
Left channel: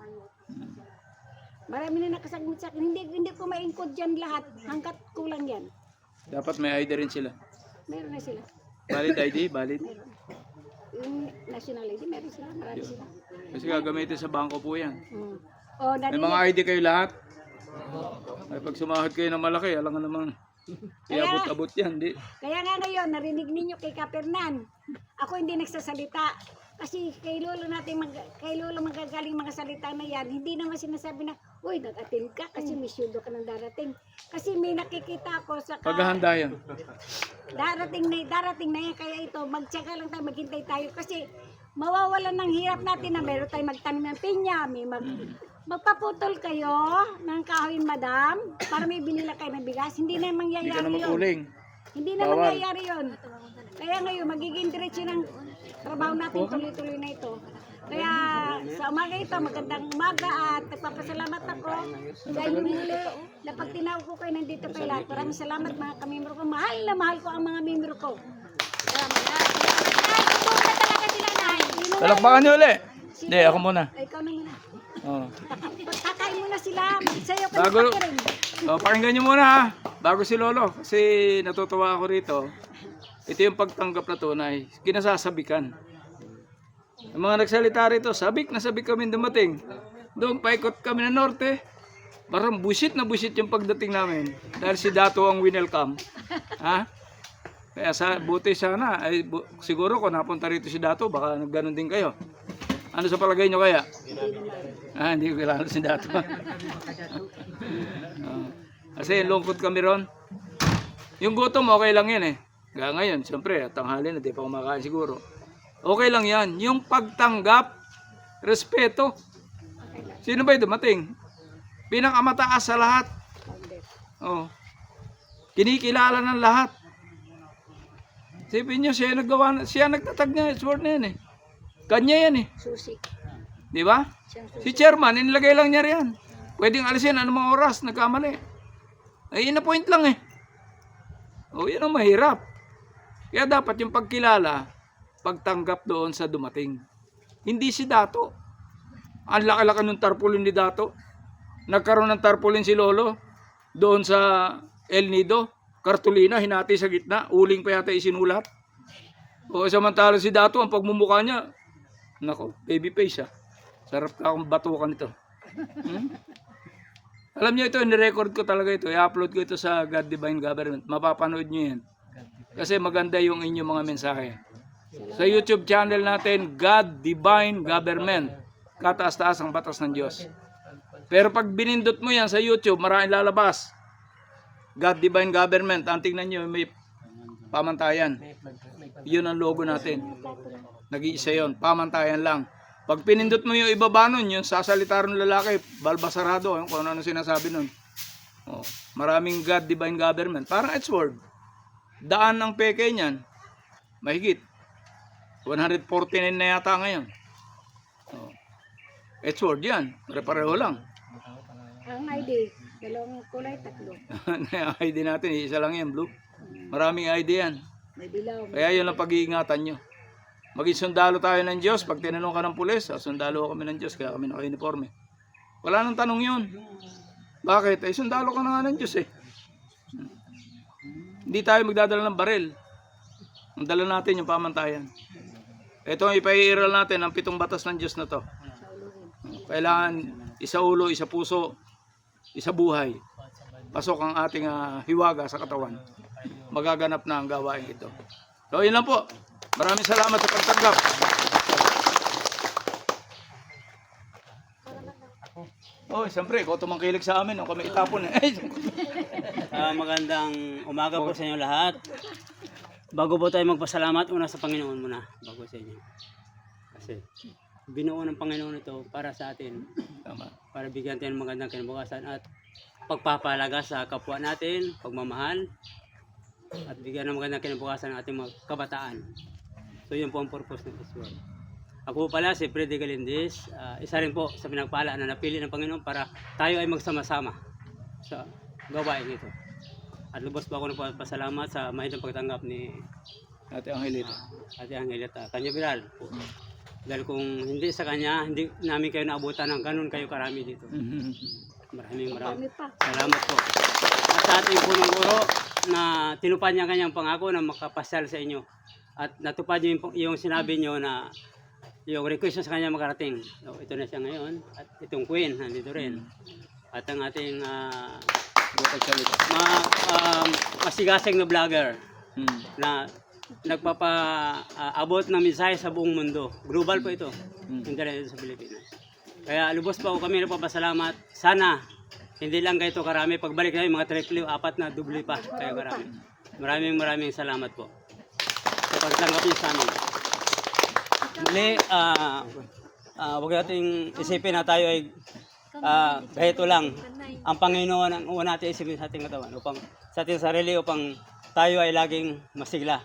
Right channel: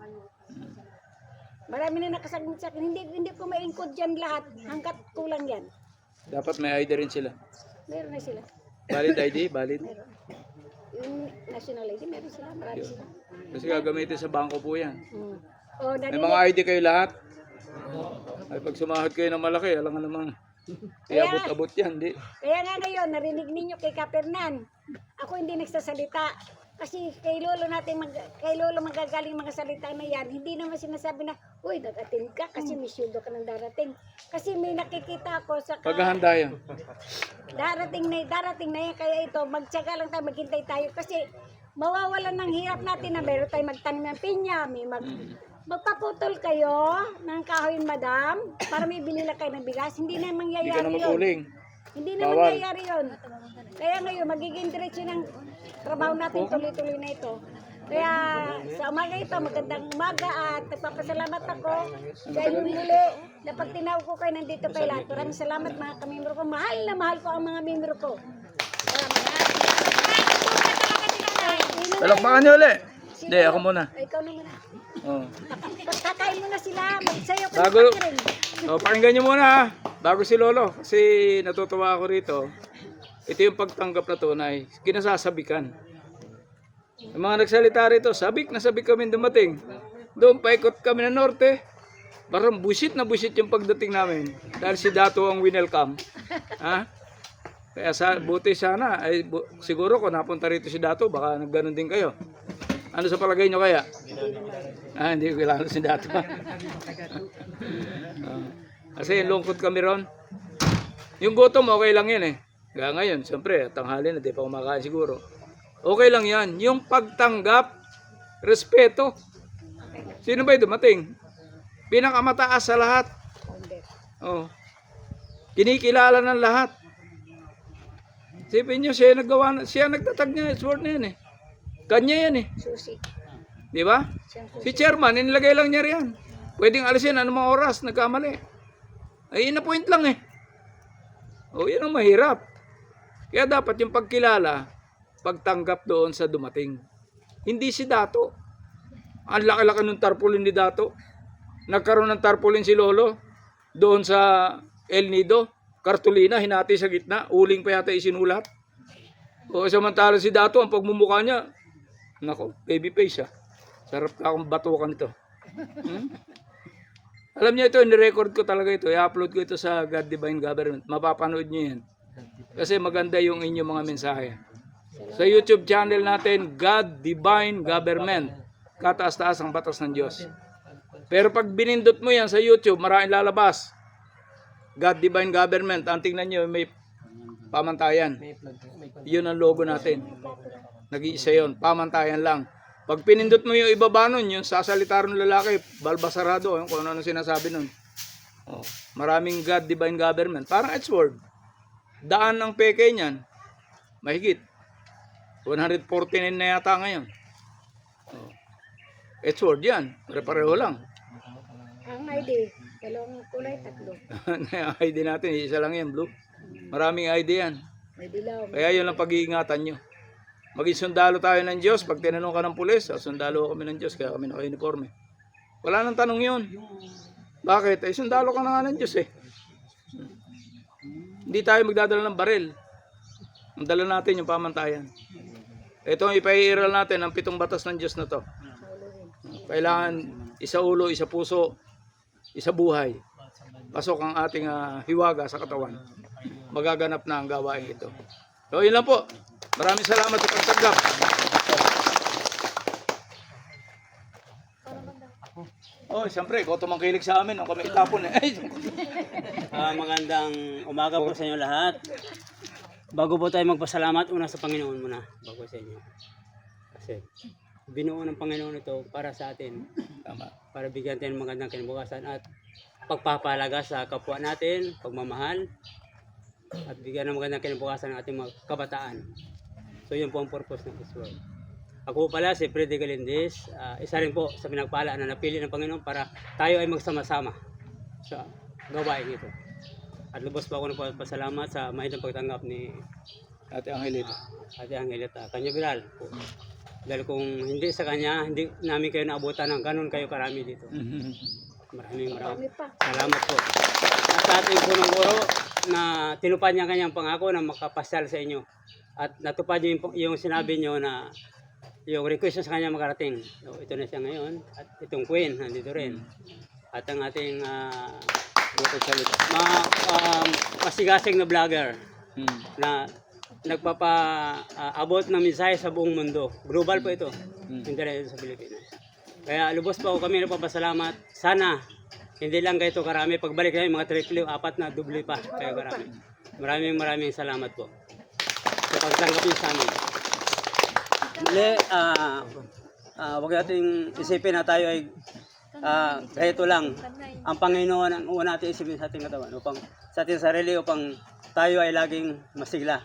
Marami na nakasagot sa akin. Hindi ko ma-include dyan lahat hanggat kulang yan. Dapat may ID rin sila. Meron na sila. Valid ID, valid. Yung national ID, meron sila. Marami sila. Kasi gagamitin sa bangko po yan. O, May mga ID kayo lahat. Ay pag sumahod kayo ng malaki, alam nga namang iabot-abot yan. Di. Kaya nga ngayon, narinig ninyo kay Kapernan. Ako hindi nagsasalita. Kasi kay Lolo magagaling mga salita na yan, hindi naman sinasabi na, uy, nag-attend ka kasi may syudo ka ng darating. Kasi may nakikita ako sa Paghahanda yan. darating na yan. Kaya ito, magtsaga lang tayo, maghintay tayo. Kasi mawawalan ng hirap natin na meron tayo magtanim ng pinya, magpaputol kayo ng kahoy, madam, para may bilila kayo ng bigas. Hindi na mangyayari yun. Hindi na mangyayari yun. Kaya ngayon, magiging diretso ng trabaho natin tuloy-tuloy na ito. Kaya sa umaga ito, magandang umaga at nagpapasalamat ako sa inyong muli na pag tinawag ko kayo nandito kay lahat. Maraming salamat mga kamembro ko. Mahal na mahal ko ang mga membro ko. Talakpakan niyo ulit. Hindi, ako muna. Ikaw na muna. Oh. Kakain muna sila. Magsayaw ka Bago, ng pakirin. pakinggan niyo muna ha. Bago si Lolo. Kasi natutuwa ako rito. Ito yung pagtanggap na tunay. Kinasasabikan. Yung mga nagsalita rito, sabik na sabik kami dumating. Doon paikot kami ng norte. Parang busit na busit yung pagdating namin. Dahil si Dato ang winelcome. Ha? Kaya buti sana. Siguro kung napunta rito si Dato, baka nagganon din kayo. Ano sa palagay nyo kaya? Hindi ko kilala si Dato. Kasi lungkot kami ron. Yung gutom, okay lang yan eh. Kaya ngayon, siyempre, tanghali na, di pa kumakain siguro. Okay lang yan. Yung pagtanggap, respeto. Sino ba'y dumating? Pinakamataas sa lahat. Oh. Kinikilala ng lahat. Sipin nyo, siya nagtatag niya, sword na yan eh. Kanya yan eh. Susi. Di ba? Si chairman, inilagay lang niya riyan. Pwedeng alisin anumang oras, nagkamali. Ay, ina-point lang eh. O, yun ang mahirap. Kaya dapat yung pagkilala, pagtanggap doon sa dumating. Hindi si Dato. Ang laki-laki ng tarpaulin ni Dato. Nagkaroon ng tarpaulin si Lolo doon sa El Nido. Kartulina, hinati sa gitna. Uling pa yata isinulat. O samantala si Dato, ang pagmumukha niya, nako, baby face ah. Sarap ka akong batukan ito. Alam niyo ito, nirecord ko talaga ito. I-upload ko ito sa God Divine Government. Mapapanood niyo yan. Kasi maganda yung inyong mga mensahe. Sa YouTube channel natin, God Divine Government. Kataas-taas ang batas ng Diyos. Pero pag binindot mo yan sa YouTube, maraming lalabas. God Divine Government. Ang tingnan nyo, may pamantayan. Yun ang logo natin. Nag-iisa yun. Pamantayan lang. Pag pinindot mo yung ibaba nun, yung sasalita ng lalaki, balbasarado, kung ano sinasabi nun. Oh, maraming God Divine Government. Parang Edward. Daan ng peke niyan. Mahigit. 149 na yata ngayon. Oh. Edward yan. Pare-pareho lang. Ang ID, dalawang kulay, tatlo. ID natin, isa lang yan, blue. Maraming ID yan. May dilaw. Kaya yun ang pag-iingatan nyo. Maging sundalo tayo ng Diyos. Pag tinanong ka ng pulis, sundalo kami ng Diyos, kaya kami naka-uniforme. Wala nang tanong yun. Bakit? Ay sundalo ka na nga ng Diyos eh. Hindi tayo magdadala ng baril. Ang dala natin yung pamantayan. Ito ang ipaiiral natin ang 7 batas ng Diyos na to. Kailangan isa ulo, isa puso, isa buhay. Pasok ang ating hiwaga sa katawan. Magaganap na ang gawain ito. So, yun lang po. Maraming salamat sa pagtanggap. Oh, siyempre, ikaw tumangkilig sa amin. Kami itapon eh. Magandang umaga po sa inyo lahat. Bago po tayo magpasalamat, una sa Panginoon muna, bago sa inyo. Kasi binuo ng Panginoon ito para sa atin. Tama. Para bigyan tayo ng magandang kinabukasan at pagpapalaga sa kapwa natin, pagmamahal, at bigyan ng magandang kinabukasan ng ating mga kabataan. So yun po ang purpose ng Israel. Ako po pala si Freddy Galindez, isa rin po sa pinagpala na napili ng Panginoon para tayo ay magsama-sama sa gawain ito. At lubos po ako nagpapasalamat sa mahitang pagtanggap ni Ate Angelita. Ate Angelita Canyaveral po. Dahil kung hindi sa kanya, hindi namin kayo naabutan ng ganun kayo karami dito. Maraming salamat po. At sa ating punong guro na tinupad niya kanyang pangako na makapasyal sa inyo. At natupad yung sinabi niyo na yung request sa kanya makarating. So, ito na siya ngayon. At itong queen, nandito rin. At ang ating masigasig na vlogger na nagpapaabot ng mensahe sa buong mundo. Global po ito. Hindi rin ito sa Pilipinas. Kaya lubos pa ako kami nagpapasalamat. Sana hindi lang kayo karami. Pagbalik namin mga triple, 4 na doble pa. Kaya karami. Maraming salamat po. Sa pagtanggap niyo sa amin. Muli, huwag nating isipin na tayo ay ito lang. Ang Panginoon ang una natin isipin sa ating katawan upang sa ating sarili upang tayo ay laging masigla.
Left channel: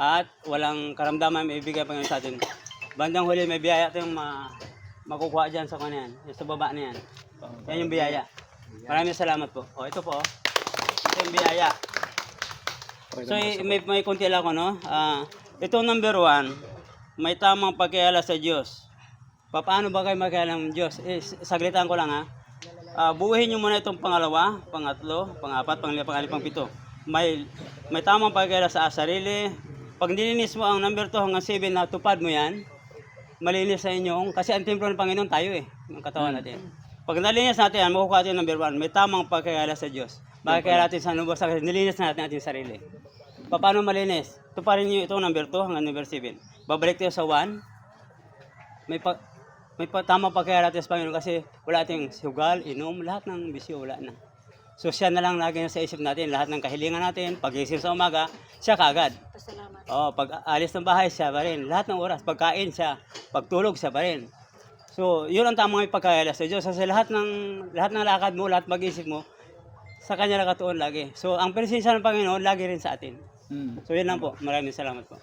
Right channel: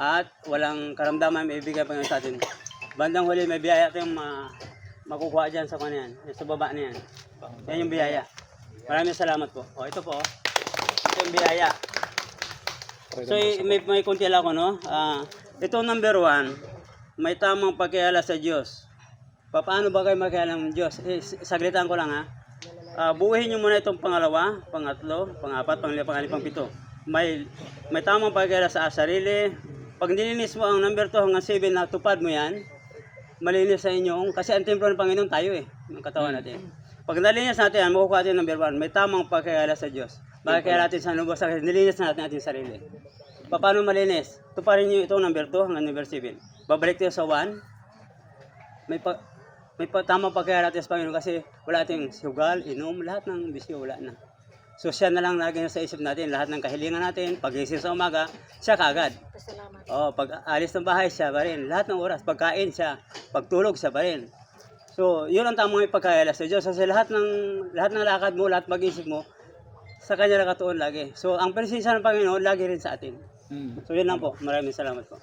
At walang karamdaman may ibigay Panginoon sa atin. Bandang huli may biyaya tayong makukuha dyan sa kanyan, sa baba na yan. Yan yung biyaya. Maraming salamat po. O ito po. Ito yung biyaya. So may kunti lang ako, no? Ito number 1. May tamang pagkayala sa Diyos. Paano ba kayo magkayala ng Diyos? Saglitan ko lang buuhin nyo muna itong pangalawa, pangatlo, pangapat, panglima, pangalipang pito. May tamang pagkayala sa sarili. Pag nilinis mo ang number 2 hanggang 7 na tupad mo yan, malinis sa inyong, kasi ang templo ng Panginoon tayo yung katawan natin. Pag nalinis natin yan, makukuha natin number 1. May tamang pagkayala sa Diyos. Makakayala natin sa nubos, nilinis na natin ating sarili. Paano malinis? Tuparin nyo itong number 2 hanggang number 7. Babalik tayo sa 1. May tamang pagkayala natin sa Panginoon kasi wala ating sugal, inom, lahat ng bisyo wala na. So siya na lang lagi sa isip natin, lahat ng kahilingan natin, pag-isip sa umaga, siya kaagad. Pag alis ng bahay, siya pa rin. Lahat ng oras, pagkain siya, pagtulog siya pa rin. So yun ang tamang pagkayala sa Diyos. Kasi lahat ng lakad mo, lahat mag-isip mo, sa Kanya nakatuon lagi. So ang presensya ng Panginoon lagi rin sa atin. So yun lang po. Maraming salamat po.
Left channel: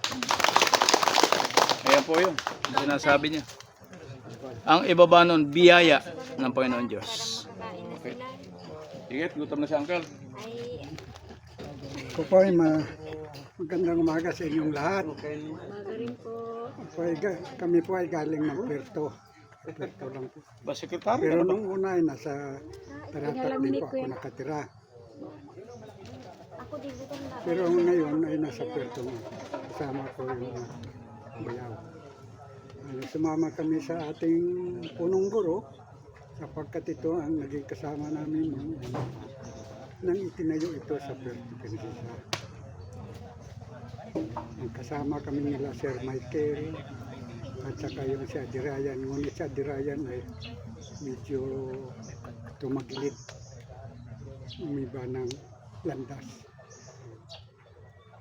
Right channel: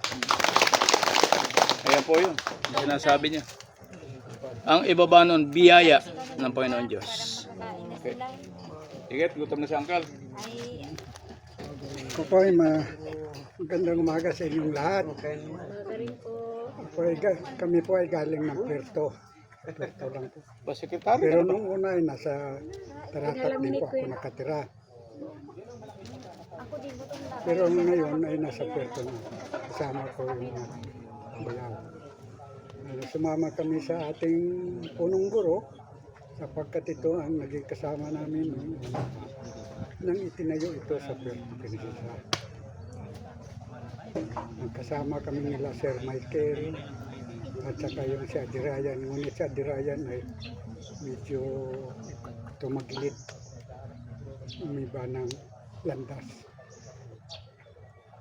Ayan po yun. Sinasabi niya. Ang ibaba nun, biyaya ng Panginoon Diyos. Okay. Sige, gutom na si Uncle. Ito po ay magandang umaga sa inyong lahat. Kami po ay galing ng Puerto. Puerto lang po. Pero nung una ay nasa Taratat din po ako nakatira. Pero ngayon ay nasa Puerto na. Kasama ko yung bayaw. Sumama kami sa ating punong guro sapagkat ito ang naging kasama namin nang itinayo ito sa Puerto Princesa. Kasama kami nila Sir Michael at saka yung si Adirayan. Ngunit si Adirayan ay medyo tumagilid, umiba ng landas.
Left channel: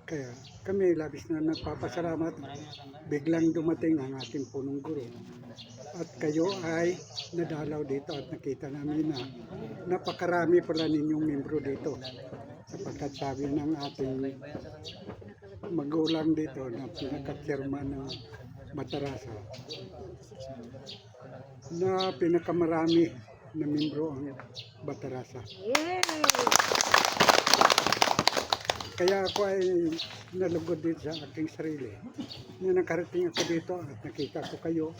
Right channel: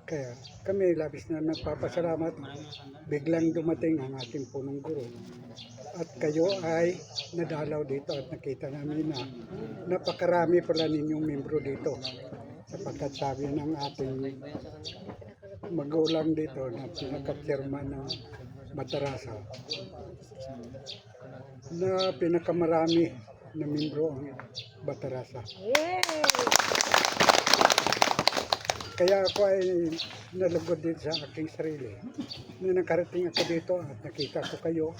Kaya kami labis na nagpapasalamat, biglang dumating ang ating punong guro. At kayo ay nadalaw dito at nakita namin na napakarami pala ninyong membro dito. Sapagkat sabi ng ating magulang dito na pinaka-chairman ng Batarasa na pinakamarami na membro ang Batarasa. Kaya ako ay nalugod din sa aking sarili na nakarating ako dito at nakita ko kayo.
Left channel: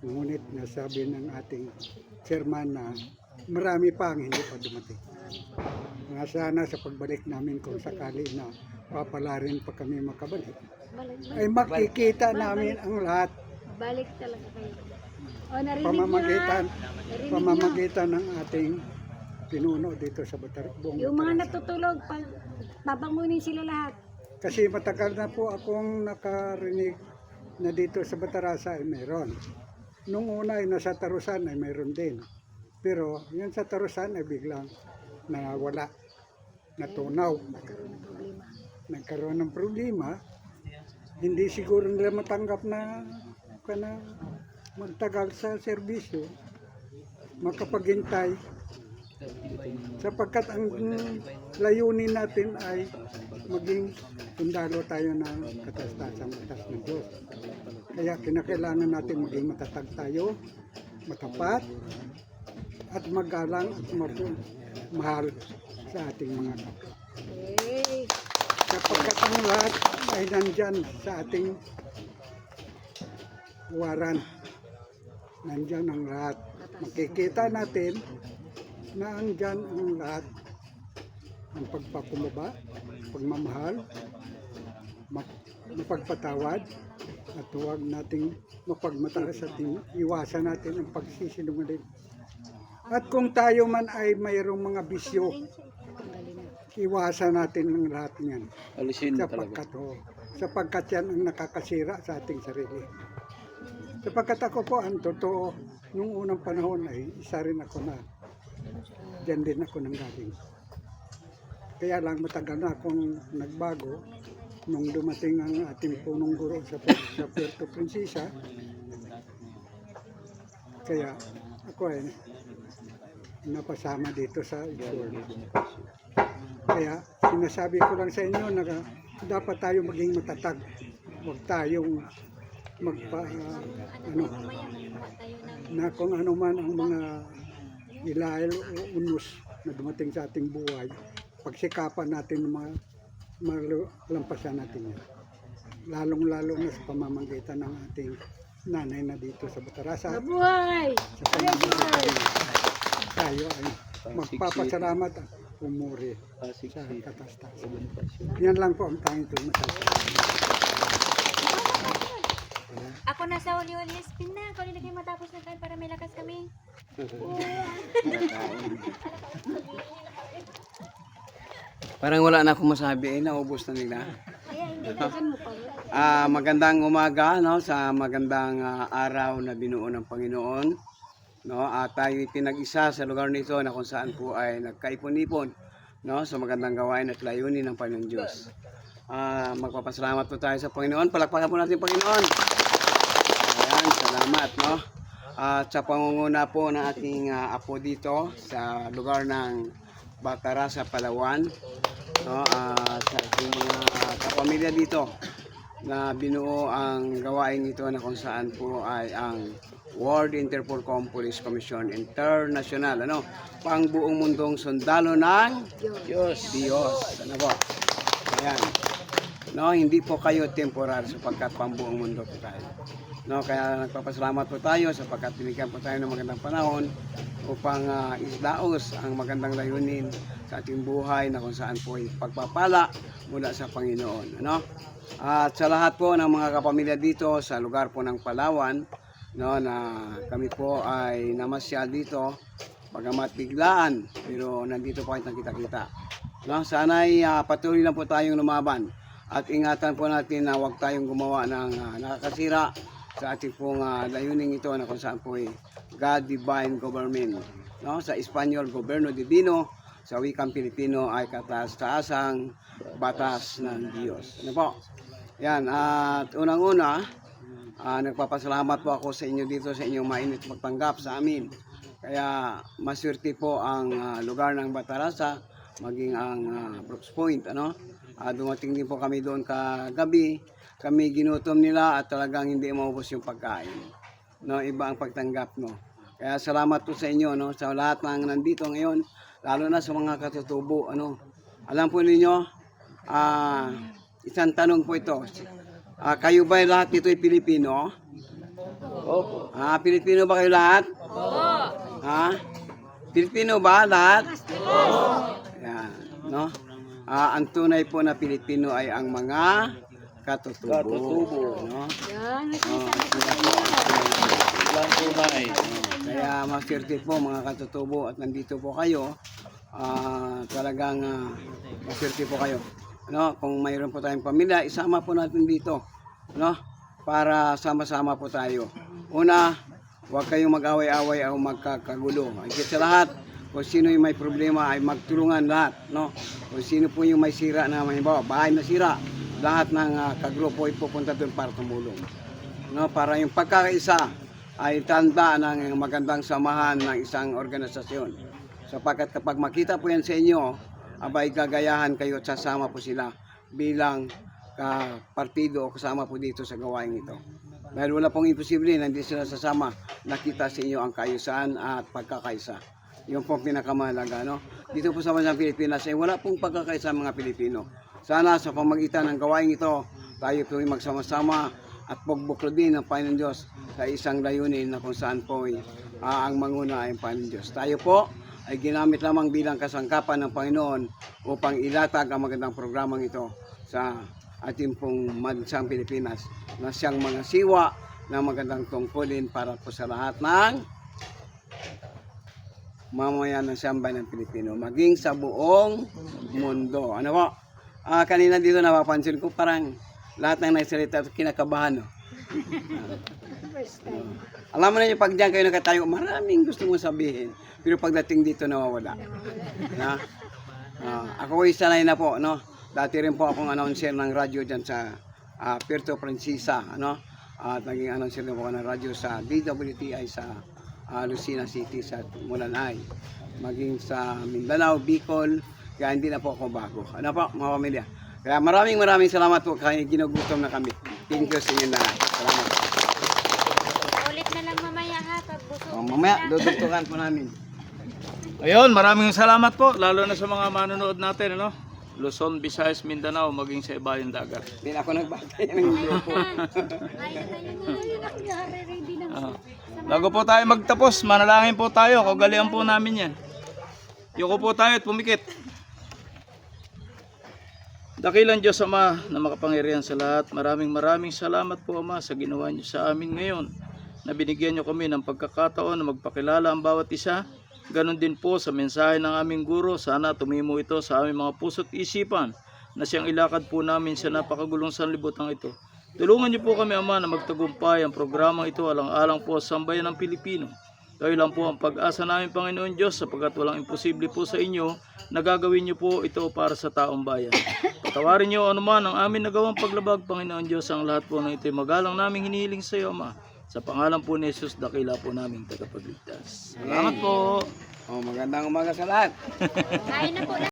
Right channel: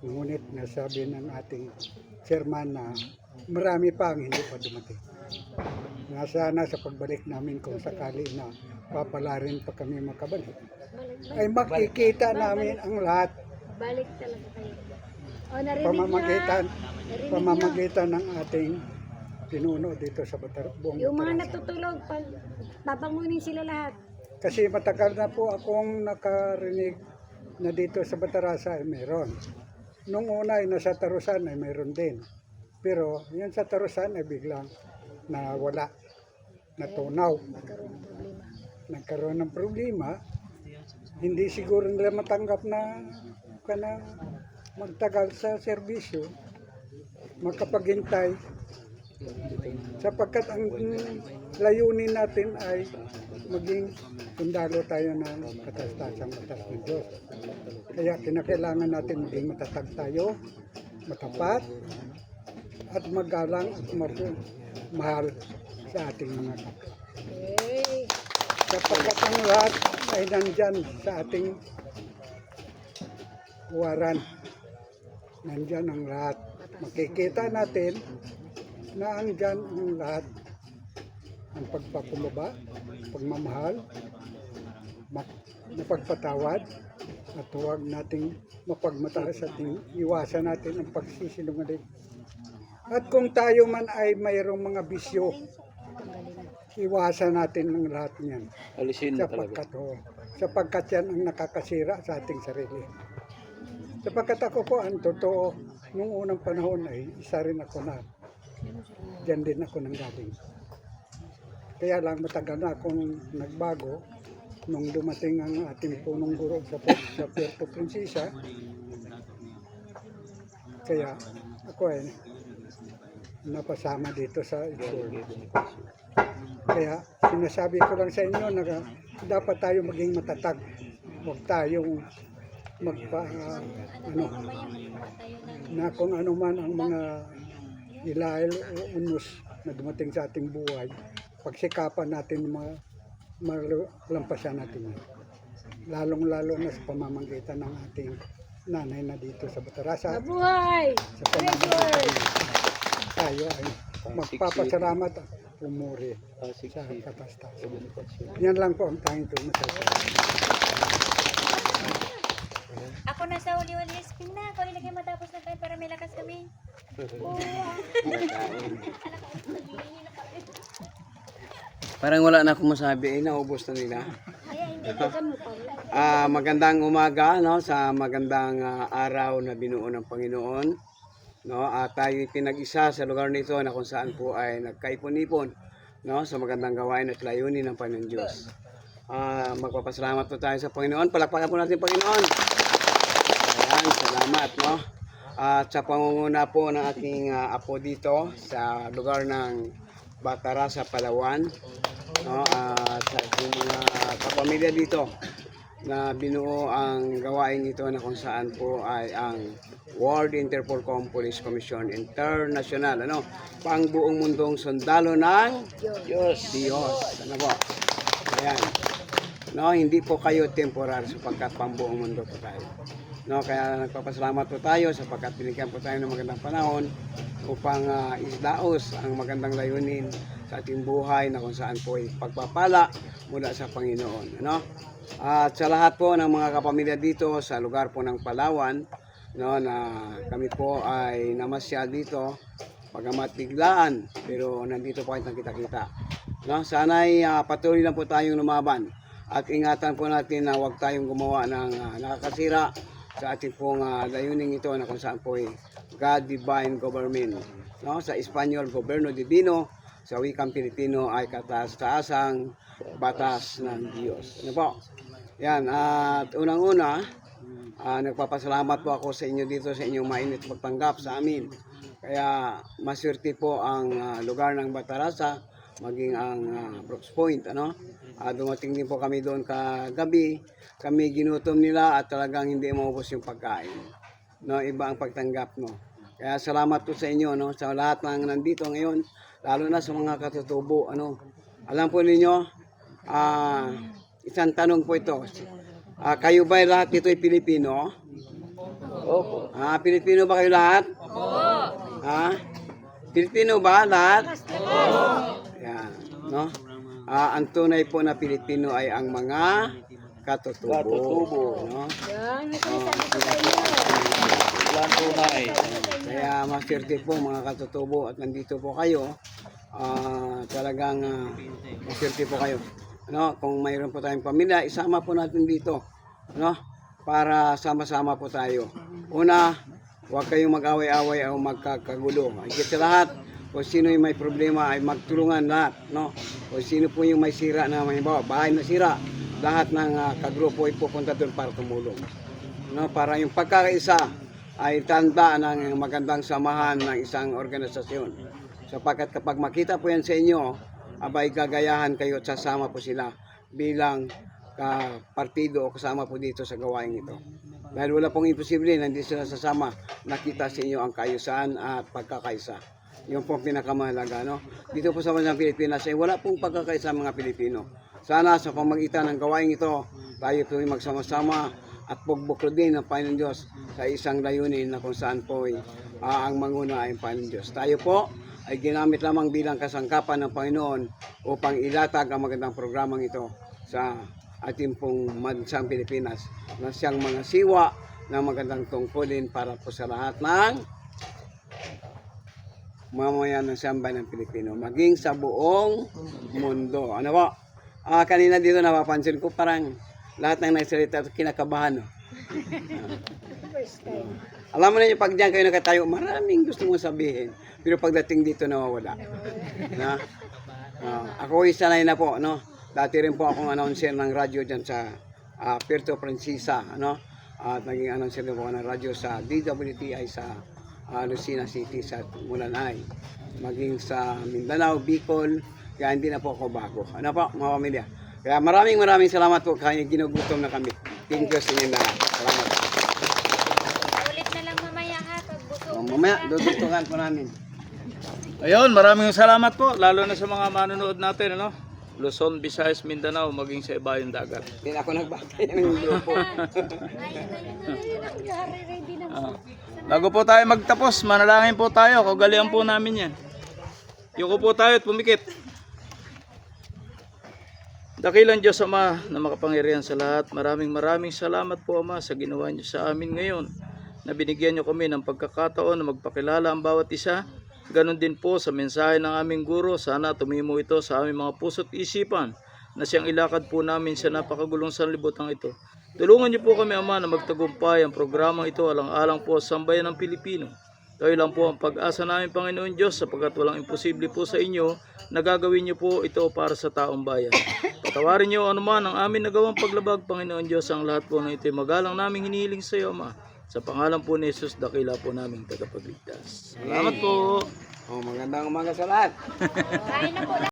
Ngunit nasabi ng ating chairman na marami pa ang hindi pa dumating. Nga sana sa pagbalik namin kung sakali na papalarin pa kami makabalik, ay makikita namin ang lahat. Balik talaga kayo. pamamagitan ng ating pinuno dito sa buong Yung mga Batangas. natutulog, pag babangunin sila lahat. Kasi matagal na po akong nakarinig na dito sa Batarasa ay meron. Nung una ay nasa Tarusan ay meron din. Pero yan sa Tarusan ay biglang nawala, natunaw. Nagkaroon ng problema. Hindi siguro nila matanggap na magtagal sa serbisyo, makapaghintay. Sapagkat ang layunin natin ay maging sundalo tayo ng katastasang batas ng Diyos. Kaya kinakailangan natin maging matatag tayo, matapat, at magalang at mahal sa ating mga kapwa. Sapagkat ang lahat ay nandyan sa ating waran. Nandyan ang lahat. Makikita natin na andyan ang lahat. Ang pagpapumbaba, pagmamahal, mapagpatawad, at huwag nating mapagmataas at iwasan natin ang pagsisinungaling. At kung tayo man ay mayroong mga bisyo, iwasan natin ang lahat niyan. Sapagkat yan ang nakakasira sa ating sarili. Sapagkat ako po, ang totoo, nung unang panahon ay isa rin ako na diyan din ako nanggaling. Kaya lang matagal na akong nagbago nung dumating ang ating punong guro sa Puerto Princesa. Kaya ako ay napasama dito sa Itchworld. Kaya sinasabi ko lang sa inyo na dapat tayo maging matatag. Huwag tayong na kung ano man ang mga ilail o unos na dumating sa ating buhay, pagsikapan natin malampasan natin yan. Lalong-lalo na sa pamamagitan ng ating nanay na dito sa Batarasa. Mabuhay! Sa pamamagitan tayo ay magpapasalamat at umuri sa katastasan. Yan lang po ang tanging masasabi. Ako nasa uli-uli spin na. Ako nilagay matapos na tayo para may lakas kami. Parang wala na akong masabi, naubos na nila. Magandang umaga, no, sa magandang araw na binuo ng Panginoon. No, tayo pinag-isa sa lugar nito na kung saan po ay nagkaipon-ipon, no, sa magandang gawain at layunin ng Panginoon Diyos. Magpapasalamat po tayo sa Panginoon. Palakpakan po natin Panginoon. Ayan, salamat, no. At sa pangunguna po ng ating apo dito sa lugar ng Batarasa, Palawan, no, sa ating mga kapamilya dito na binuo ang gawain ito na kung saan po ay ang World Interpol Police Commission International, ano, pang buong mundong sundalo ng Diyos. Ano po? Ayan. No, hindi po kayo temporal sapagkat pang buong mundo po tayo. No, kaya nagpapasalamat po tayo sapagkat binigyan po tayo ng magandang panahon upang isdaos ang magandang layunin sa ating buhay na kung saan po ay pagpapala mula sa Panginoon. Ano? At sa lahat po ng mga kapamilya dito sa lugar po ng Palawan, no, na kami po ay namasyal dito, pagamat biglaan, pero nandito po kayo nakita-kita. No, sana ay patuloy lang po tayong lumaban at ingatan po natin na huwag tayong gumawa ng nakakasira sa ating pong layunin ito na kung saan po ay God Divine Government. No? Sa Espanyol, Goberno Divino. Sa wikang Pilipino ay kataas-taasang batas ng Diyos. Ano po? Yan. At unang-una, nagpapasalamat po ako sa inyo dito sa inyong mainit pagtanggap sa amin. Kaya maswerte po ang lugar ng Batarasa, maging ang Brooks Point. Ano? Dumating din po kami doon kagabi. Kami ginutom nila at talagang hindi maubos yung pagkain. No, iba ang pagtanggap, no. Kaya salamat po sa inyo, no, sa lahat ng nandito ngayon, lalo na sa mga katutubo, ano. Alam po ninyo, isang tanong po ito. Kayo ba lahat dito ay Pilipino? Opo. Pilipino ba kayo lahat? Opo. Pilipino ba lahat? Opo. Yan, no. Ang tunay po na Pilipino ay ang mga katutubo. No? Yan, may sinasabi ko sa inyo. Walang tunay. Kaya maswerte po mga katutubo at nandito po kayo. Talagang maswerte po kayo. No? Kung mayroon po tayong pamilya, isama po natin dito. No? Para sama-sama po tayo. Una, huwag kayong mag-away-away o magkakagulo. Higit sa lahat, kung sino yung may problema ay magtulungan lahat. No? Kung sino po yung may sira na halimbawa, bahay na sira, lahat ng kagrupo ay pupunta doon para tumulong. No? Para yung pagkakaisa ay tanda ng magandang samahan ng isang organisasyon. Sapagkat kapag makita po yan sa inyo, abay gagayahan kayo at sasama po sila bilang partido o kasama po dito sa gawain ito. Dahil wala pong imposible na hindi sila sasama, nakita sa inyo ang kaayusan at pagkakaisa. Yung pong pinakamahalaga. No? Dito po sa bansang Pilipinas ay wala pong pagkakaisa mga Pilipino. Sana sa pamagitan ng gawain ito, tayo po magsama-sama at pugbuklo din ng Panginoon Diyos sa isang layunin na kung saan po ang manguna ay ang Panginoon Diyos. Tayo po ay ginamit lamang bilang kasangkapan ng Panginoon upang ilatag ang magandang programang ito sa ating pong bansang Pilipinas na siyang mga siwa ng magandang tungkulin para po sa lahat ng mamamayan ng sambayan ng Pilipino, maging sa buong mundo. Ano po? Kanina dito napapansin ko parang lahat ng nagsalita kinakabahan. No? Alam mo na yung pag diyan kayo nakatayo, maraming gusto mong sabihin. Pero pagdating dito nawawala. Na? Ako ay sanay na po. No? Dati rin po akong announcer ng radyo dyan sa Puerto Princesa. Ano? At naging announcer din po ako ng radyo sa DWTI sa Lucena City sa Mulanay. Maging sa Mindanao, Bicol. Kaya hindi na po ako bago. Ano po mga pamilya? Kaya maraming salamat po kaya ginugutom na kami. Thank you sa inyo lahat. Salamat. Ulit na lang mamaya ha, pag busog. Mamaya, dudutungan po namin. Ayun, maraming salamat po, lalo na sa mga manonood natin, ano? Luzon, Visayas, Mindanao, maging sa ibayong dagat. Hindi ako nagbakay ng grupo. Bago po tayo magtapos, manalangin po tayo, kagalian po namin yan. Yuko po tayo at pumikit. Dakilang Diyos Ama na makapangyarihan sa lahat, maraming salamat po Ama sa ginawa niyo sa amin ngayon, na binigyan niyo kami ng pagkakataon na magpakilala ang bawat isa. Ganon din po sa mensahe ng aming guro, sana tumimo ito sa aming mga puso't isipan na siyang ilakad po namin sa napakagulong sanlibutan ito. Tulungan niyo po kami Ama na magtagumpay ang programang ito alang-alang po sa sambayan ng Pilipino. Kayo lang po ang pag-asa namin Panginoon Diyos, sapagkat walang imposible po sa inyo na gagawin niyo po ito para sa taong bayan. Patawarin niyo anuman ang amin nagawang paglabag Panginoon Diyos, ang lahat po ng ito'y magalang naming hinihiling sa iyo Ama. Sa pangalan po ni Jesus, dakila po naming tagapagligtas. Salamat po. Magandang umaga sa lahat. Kain na po.